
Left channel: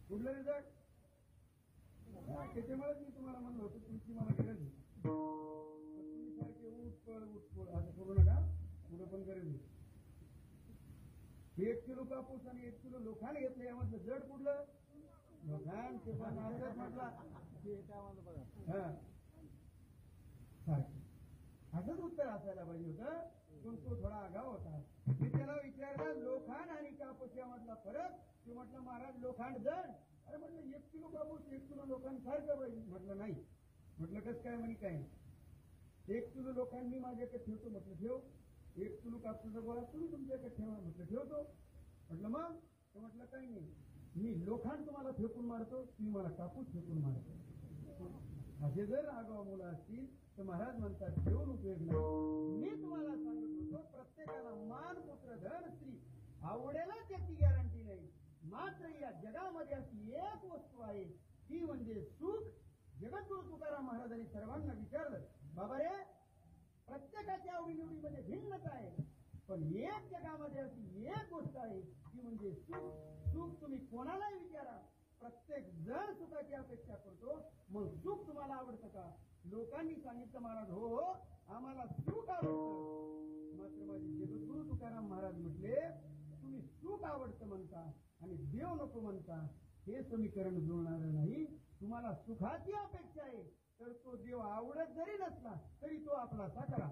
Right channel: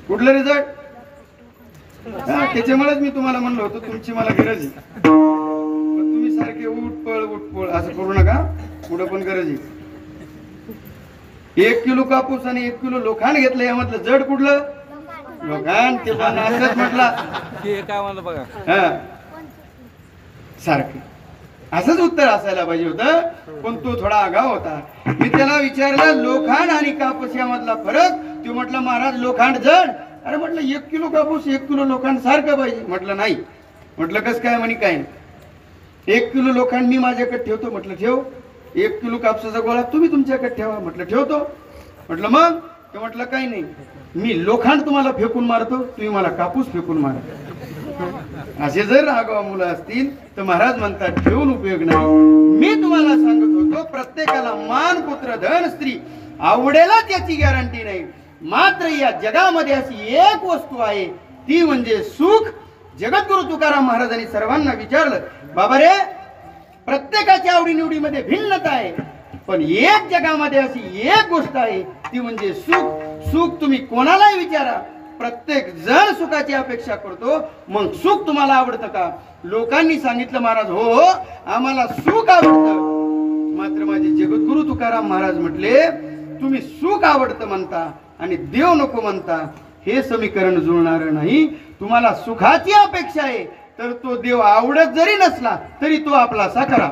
कुठलं रे जड? त्याच्यामुळेच मी तुम्हाला म्हणलो होतो तुमची मला गरज आहे. तुम्ही सारखे उठपळ असं करू नका. पुढं पण गरज आहे. 1 किलो कापूस आणि 1 किलो लोखंड घेतलं, यामधलं जड कुठलं? लोखंड. ते पण असंच म्हटला. काय म्हणलं बघा. हा सारखं असंच उत्तर असायला पाहिजे होतं, पण तो थोडा आगाव होता. मी त्याला विचारलं लोखंड आणि कापूस यामधला फरक. तो म्हटलं महाराज लोखंड जड. अरे म्हटलं 1 किलो कापूस 1 किलो लोखंड सारखं पाहिजे. म्हटलं नाही. म्हटलं कसं काय? म्हणे काय 1 किलो लोखंड मी माझ्याकडे ठेवतो. म्हटलं ठेव. 1 किलो कापसाचा गोळा तुम्ही तुमच्याकडे ठेवा. म्हटलं ठेवतो. म्हटलं मग? ते म्हटलं काही नाही, मी लोखंड तुम्हाला फेकून मारतो, तुम्ही मला कापूस फेकून मारा. असे जर आगाऊ मुलं असतील तर महाराज म्हणतात ठेवून उपयोग नाही. मी तुम्हाला सांगत होतो प्रत्येकाला मान पुत्र धन स्त्री आवडेलच याची गॅरंटी नाही. मात्र या जगामध्ये अशी एक वस्तू आहे ती म्हणजे सुख. जगद्गुरु तुकाराम महाराजांनी सर्वांना विचारलं बाबा रे प्रत्येकाच्या आवडीनिवडीमध्ये भिन्नता आहे, पण एक जगामध्ये अशी एक गोष्ट आहे ती म्हणजे सुख. सुख तुम्ही कोणालाही विचारा, प्रत्येक जण सुखाची अपेक्षा करतो. मग सुख तुम्हाला आवडतं का? लोकांनी सांगितलं महाराज हो हो आम्हाला सुख आवडतं. मात्र माझे जगद्गुरु तुकाराम महाराज म्हटले तुम्ही सुख आवडतं म्हणता आणि देव नको म्हणता, हे समीकरण जुळणार नाही. तुम्हाला सुखाची अपेक्षा आहे तर तो देव आवडत जरी नसला तरी तो आपला साखरा.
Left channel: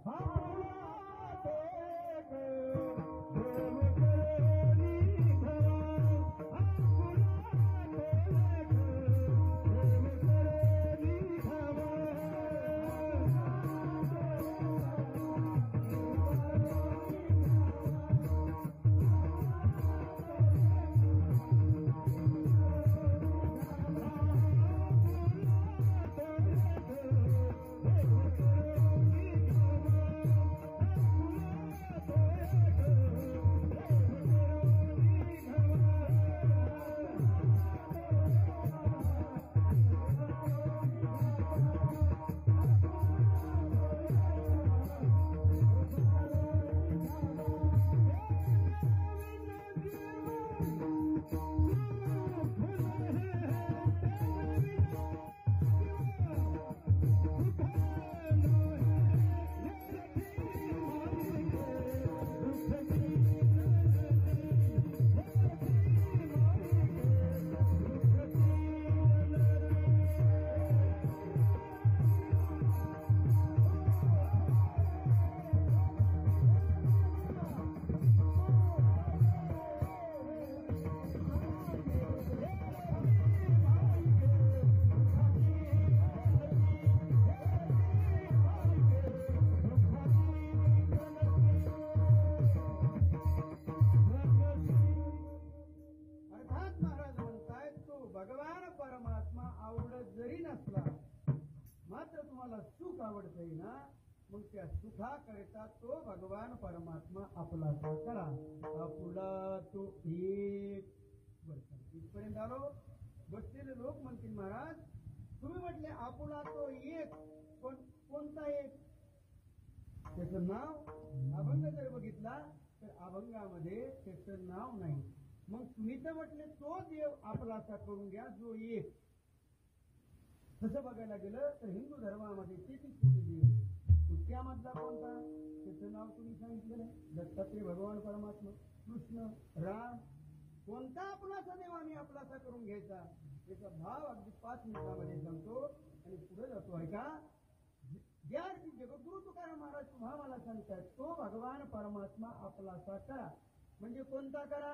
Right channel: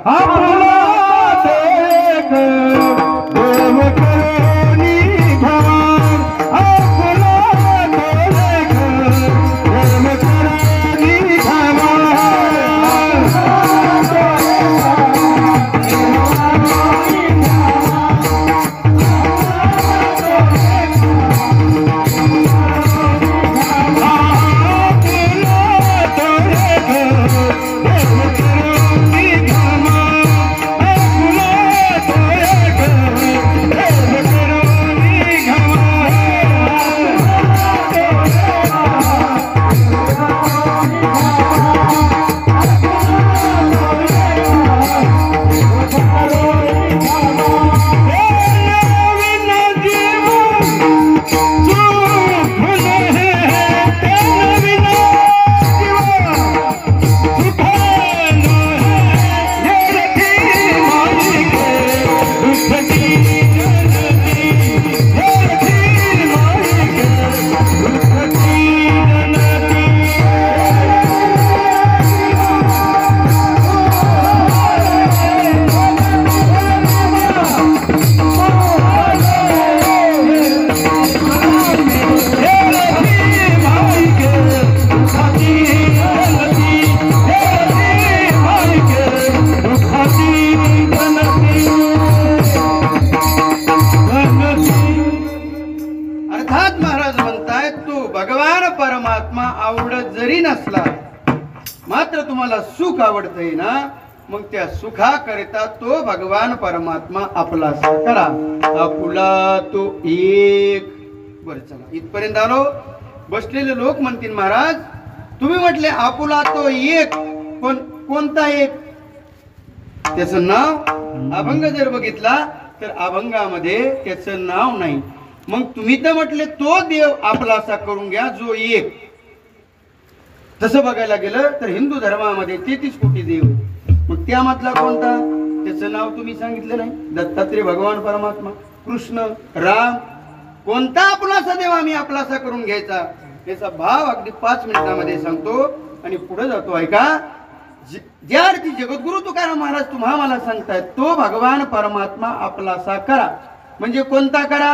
आवडत जरी नसला मात्र तुम्हाला सुख आवडतंय ना, मग त्या सुखाकरिता तो भगवान परमात्मा आपला करा. आपुला तो एक. बर चला इथपर्यंत आलो. बसलेले लोक म्हणतील महाराज तुम्ही म्हटले आपुला तो एक, पण कोणता एक? त्याचं नाव अभंग जर बघितला तर अभंगामध्ये त्याचं नाव नाही. मग तुम्ही तर म्हटले तो देव आपलासा करून घ्या जो एक. तसं बघायला गेलं तर हिंदू धर्मामध्ये 33 कोटी देव. मग त्यामधला कोणता? त्याचं नाव तुम्ही सांगितलं नाही. दत्तात्रय भगवान परमात्मा, कृष्ण, राम, कोणता आपलासा देव आम्ही आपलासा करून घ्यायचा याचा भाव अगदी 5 मिनिटांमध्ये सांगतो आणि पुढे जातो. ऐका, ज्या अर्थी जगद्गुरु तुकाराम महाराज तुम्हा मला सांगतायत तो भगवान परमात्मा आपलासा करा. म्हणजे कोणता करा?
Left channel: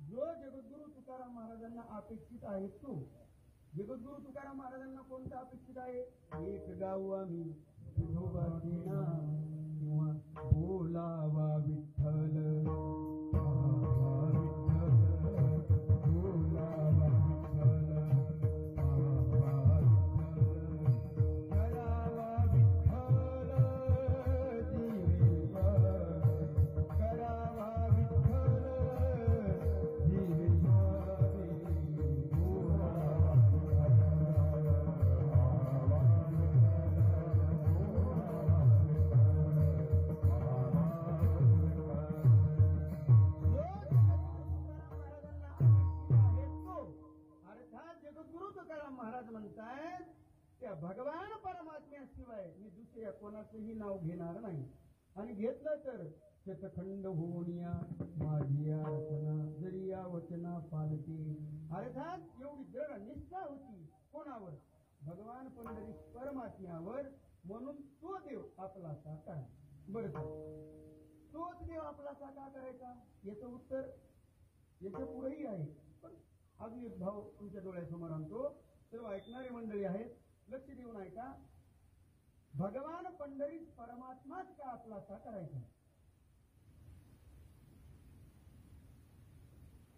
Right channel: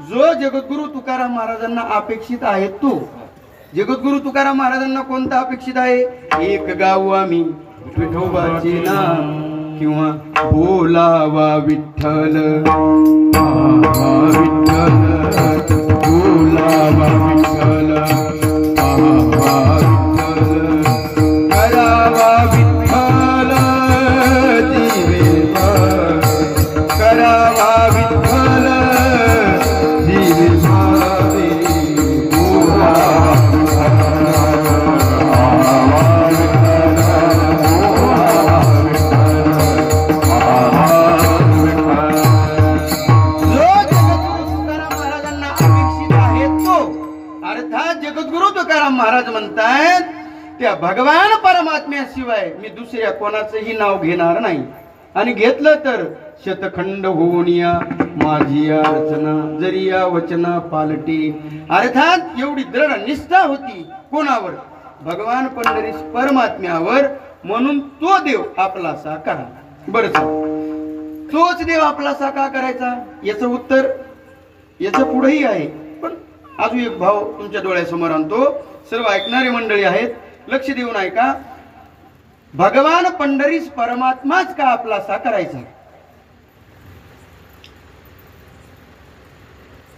जो जगद्गुरु तुकाराम महाराजांना अपेक्षित आहे तो. जगद्गुरु तुकाराम महाराजांना कोणता अपेक्षित आहे? एक गाऊ आम्ही विठोबाचे नाम किंवा बोलावा विठ्ठल, विठ्ठल बोलावा विठ्ठल, करावा विठ्ठल दिवे, करावा विठ्ठल दिवे मावे, जगद्गुरु तुकाराम महाराज म्हणतायत त्या भगवान परमात्म्याशिवाय मी दुसऱ्या कोणाचंही नाव घेणार नाही. आणि घेतलं तर शतखंड होऊन या माझी अर्चना, जरी या वचना पालटी. अर्थात एवढी दृढ निष्ठा होती कोणावर? भगवान पंढरीश परमात्म्यावर. म्हणून तो देव आपलासा करा. बरं, तोच देव आपलासा का करायचा याचं उत्तर याचं पुढेही आहे. पण अजून एक भाव तुमच्या डोळ्यासमोर आणतो. सर्व ऐकणारी मंडळी आहेत, लक्ष देऊन ऐका. भगवान पंढरीश परमात्माच का आपलासा करायचा?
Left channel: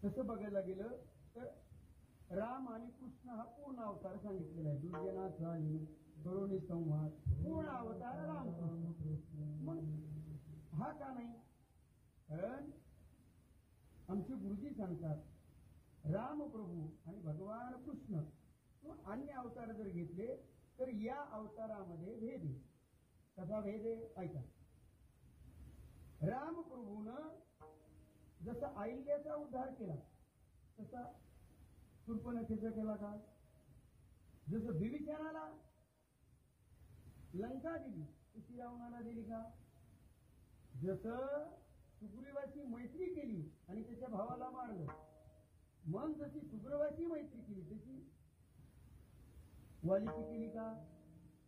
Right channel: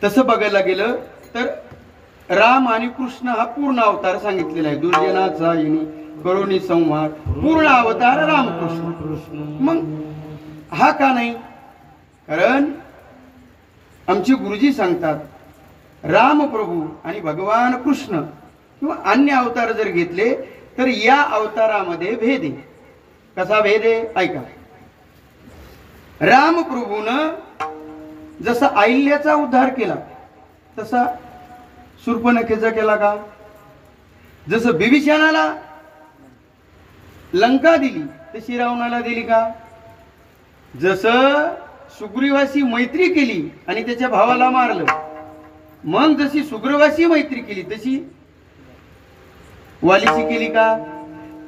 तसं बघायला गेलं तर राम आणि कृष्ण हा पूर्ण अवतार सांगितलेला आहे. दुर्जनाचा येणी करुणी संवाद, पूर्ण अवतार रामकृष्ण. मग हा का नाही? कारण आमचे गुरुजी सांगतात राम प्रभू आणि भगवान कृष्ण किंवा अन्य अवतार जर घेतले तर या अवतारामध्ये भेद आहे. कसा भेद आहे? ऐका. राम प्रभूनं जसा अहिल्याचा उद्धार केला तसा शूर्पणखेचा केला का? जसं बिभीषणाला लंका दिली तशी रावणाला दिली का? जसं सुग्रीवाशी मैत्री केली आणि त्याच्या भावाला मारलं, मग जशी सुग्रीवाशी मैत्री केली तशी वालीची केली का?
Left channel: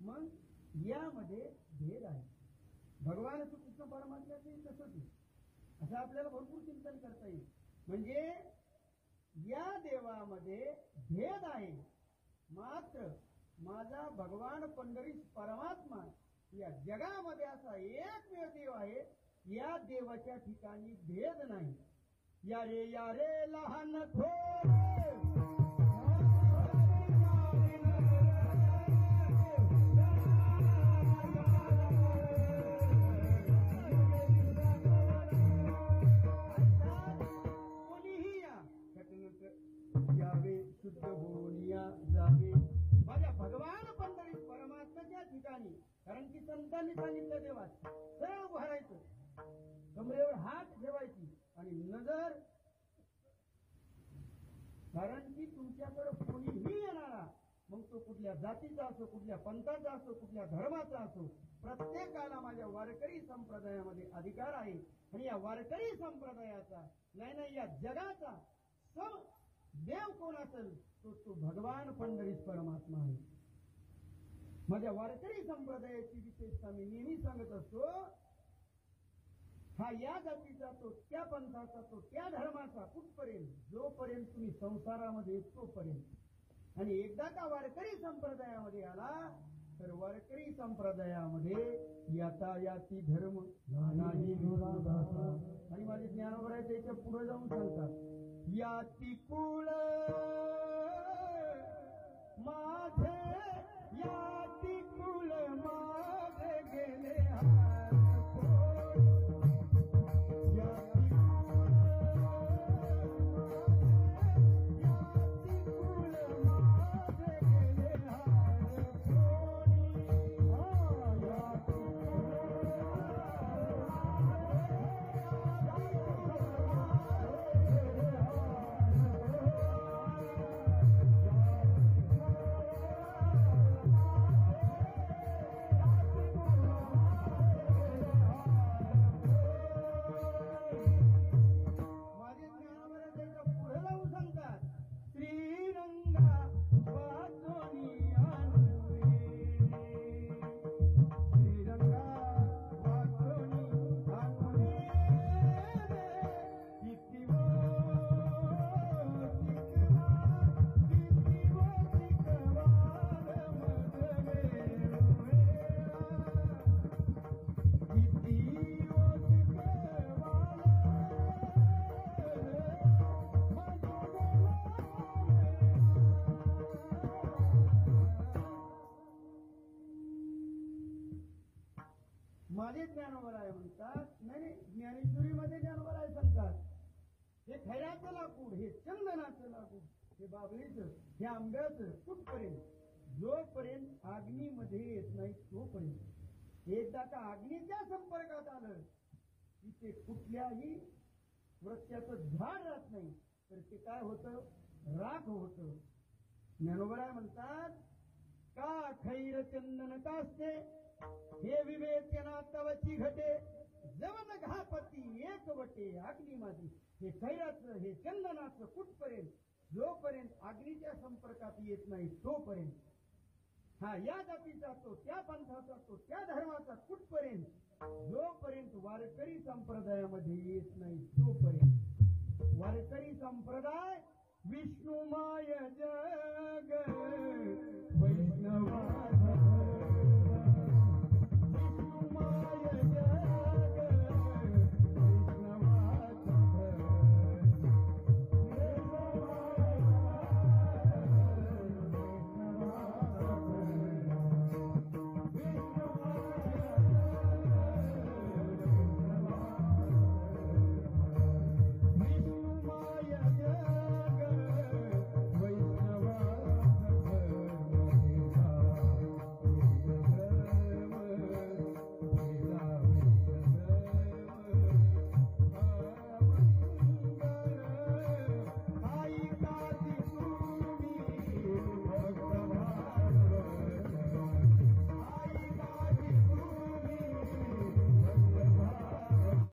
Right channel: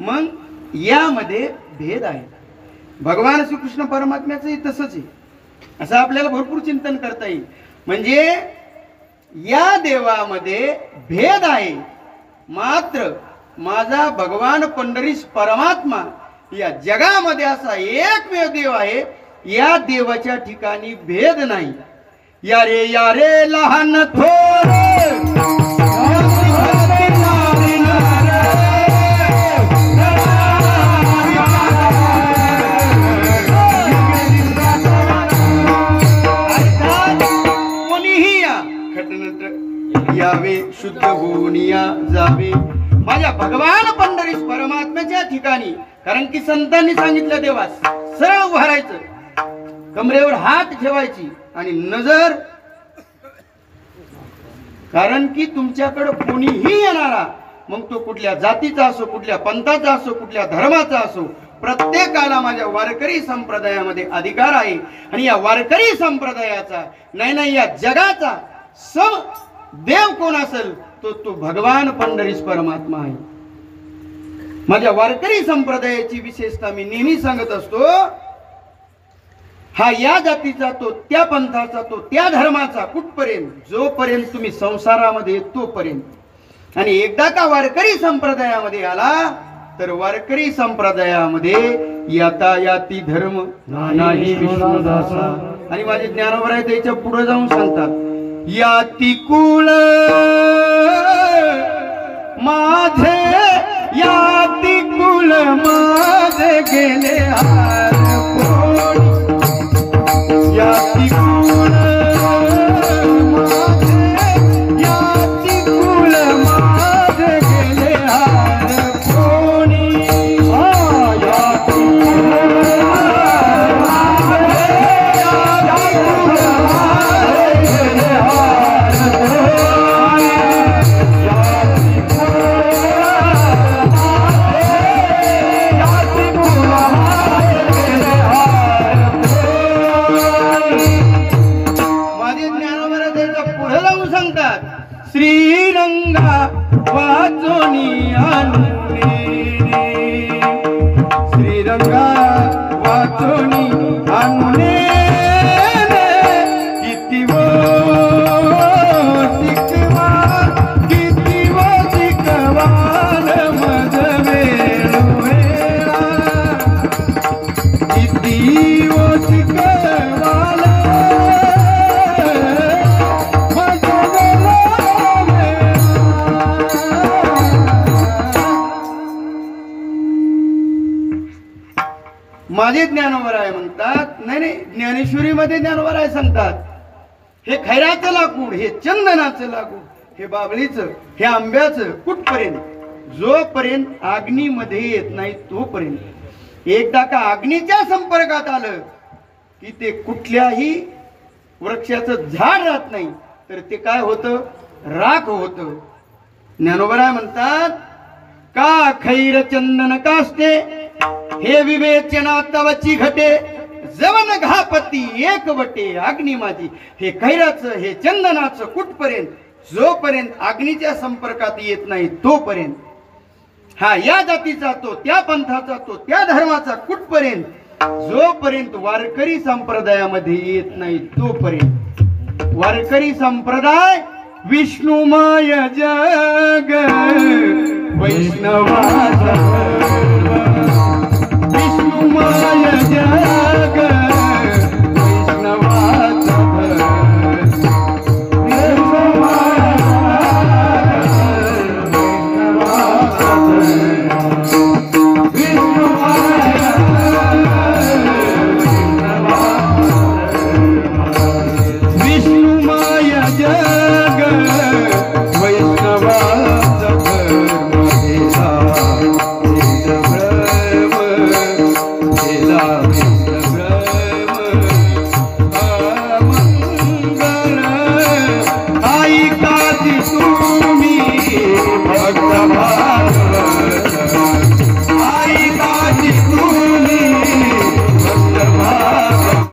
मग यामध्ये भेद आहे. भगवान श्रीकृष्ण परमात्म्याचंही तसंच आहे. असं आपल्याला भरपूर चिंतन करता येईल. म्हणजे या देवामध्ये भेद आहे. मात्र माझा भगवान पंढरीश परमात्मा या जगामध्ये असा एकमेव देव आहे, या देवाच्या ठिकाणी भेद नाही. या रे लहान थोर यावे, शुद्ध होऊन या जावे माझ्या भगवान पंढरीश परमात्म्याच्या ठिकाणी. कारण की संतांनी सांगितलं देवास सरळ उभारायचं, कमरेवर हात ठेवायची आणि नजर. कारण की तुमच्याकडे कोणीही येणारा, मग तो कुठल्या जातीचा असो, कुठल्या पंथाचा असो, कुठल्या धर्माचा असो, प्रत्येकाला माझ्या वारकरी संप्रदायामध्ये अधिकार आहे. आणि या वारकरी संप्रदायाचा नाही या जगाचा सम देव कोण असेल तो भगवान पंढरीश परमात्मा आहे. माझ्या वारकरी संप्रदायाची विशेषता मी नेहमी सांगत असतो. हा या जातीचा, तो त्या पंथाचा, तो त्या धर्माचा, कुठपर्यंत? जोपर्यंत तुम्ही संसारामध्ये तोपर्यंत. आणि एकदा का वारकरी संप्रदायामध्ये आला तर वारकरी संप्रदायामध्ये यातायाती धर्म नाही विष्णुदासा. आणि माझे ज्ञानोबर आहे त्याच्या पुढे जाऊन सांगतात याती कुळ माझे, याती कुल माझे गेले हार कोणी, याती कुल माझे, याती कुल माझे गेले हार कोणी. याती श्रीरंगा वाचोनी आणूने श्रीरंगा वाचोनी आणूने किती वो शिकवा किती वो शिकवाल मज वेळोवेळा किती वो शिकवाल मज वेळोवेळा. माझे ज्ञानोबराय म्हणतात, नाही नाही, ज्ञानेश्वरीमध्ये ज्ञानोबराय सांगतात, हे खैराचं लाकूड, हे चंदनाचं लाकूड, हे बाबळीचं, हे आंब्याचं, कुठपर्यंत? जोपर्यंत अग्नीमध्ये येत नाही तोपर्यंत. एकदा का अग्नीच्या संपर्कात आलं की ते कुठल्याही वृक्षाचं झाड राहत नाही, तर ते काय होतं? राख होतं. ज्ञानोबराय म्हणतात, का खैर चंदन कास्ते हे विवेचना तवची घटे जवन घापती एक वटे अग्नी माझी. हे खैराचं, हे चंदनाचं कुठपर्यंत? जोपर्यंत अग्नीच्या संपर्कात येत नाही तोपर्यंत. हा या जातीचा तो, त्या पंथाचा तो, त्या धर्माचा कुठपर्यंत? जोपर्यंत वारकरी संप्रदायामध्ये येत नाही तोपर्यंत. वारकरी संप्रदाय विष्णुमय जग वैष्णवाचा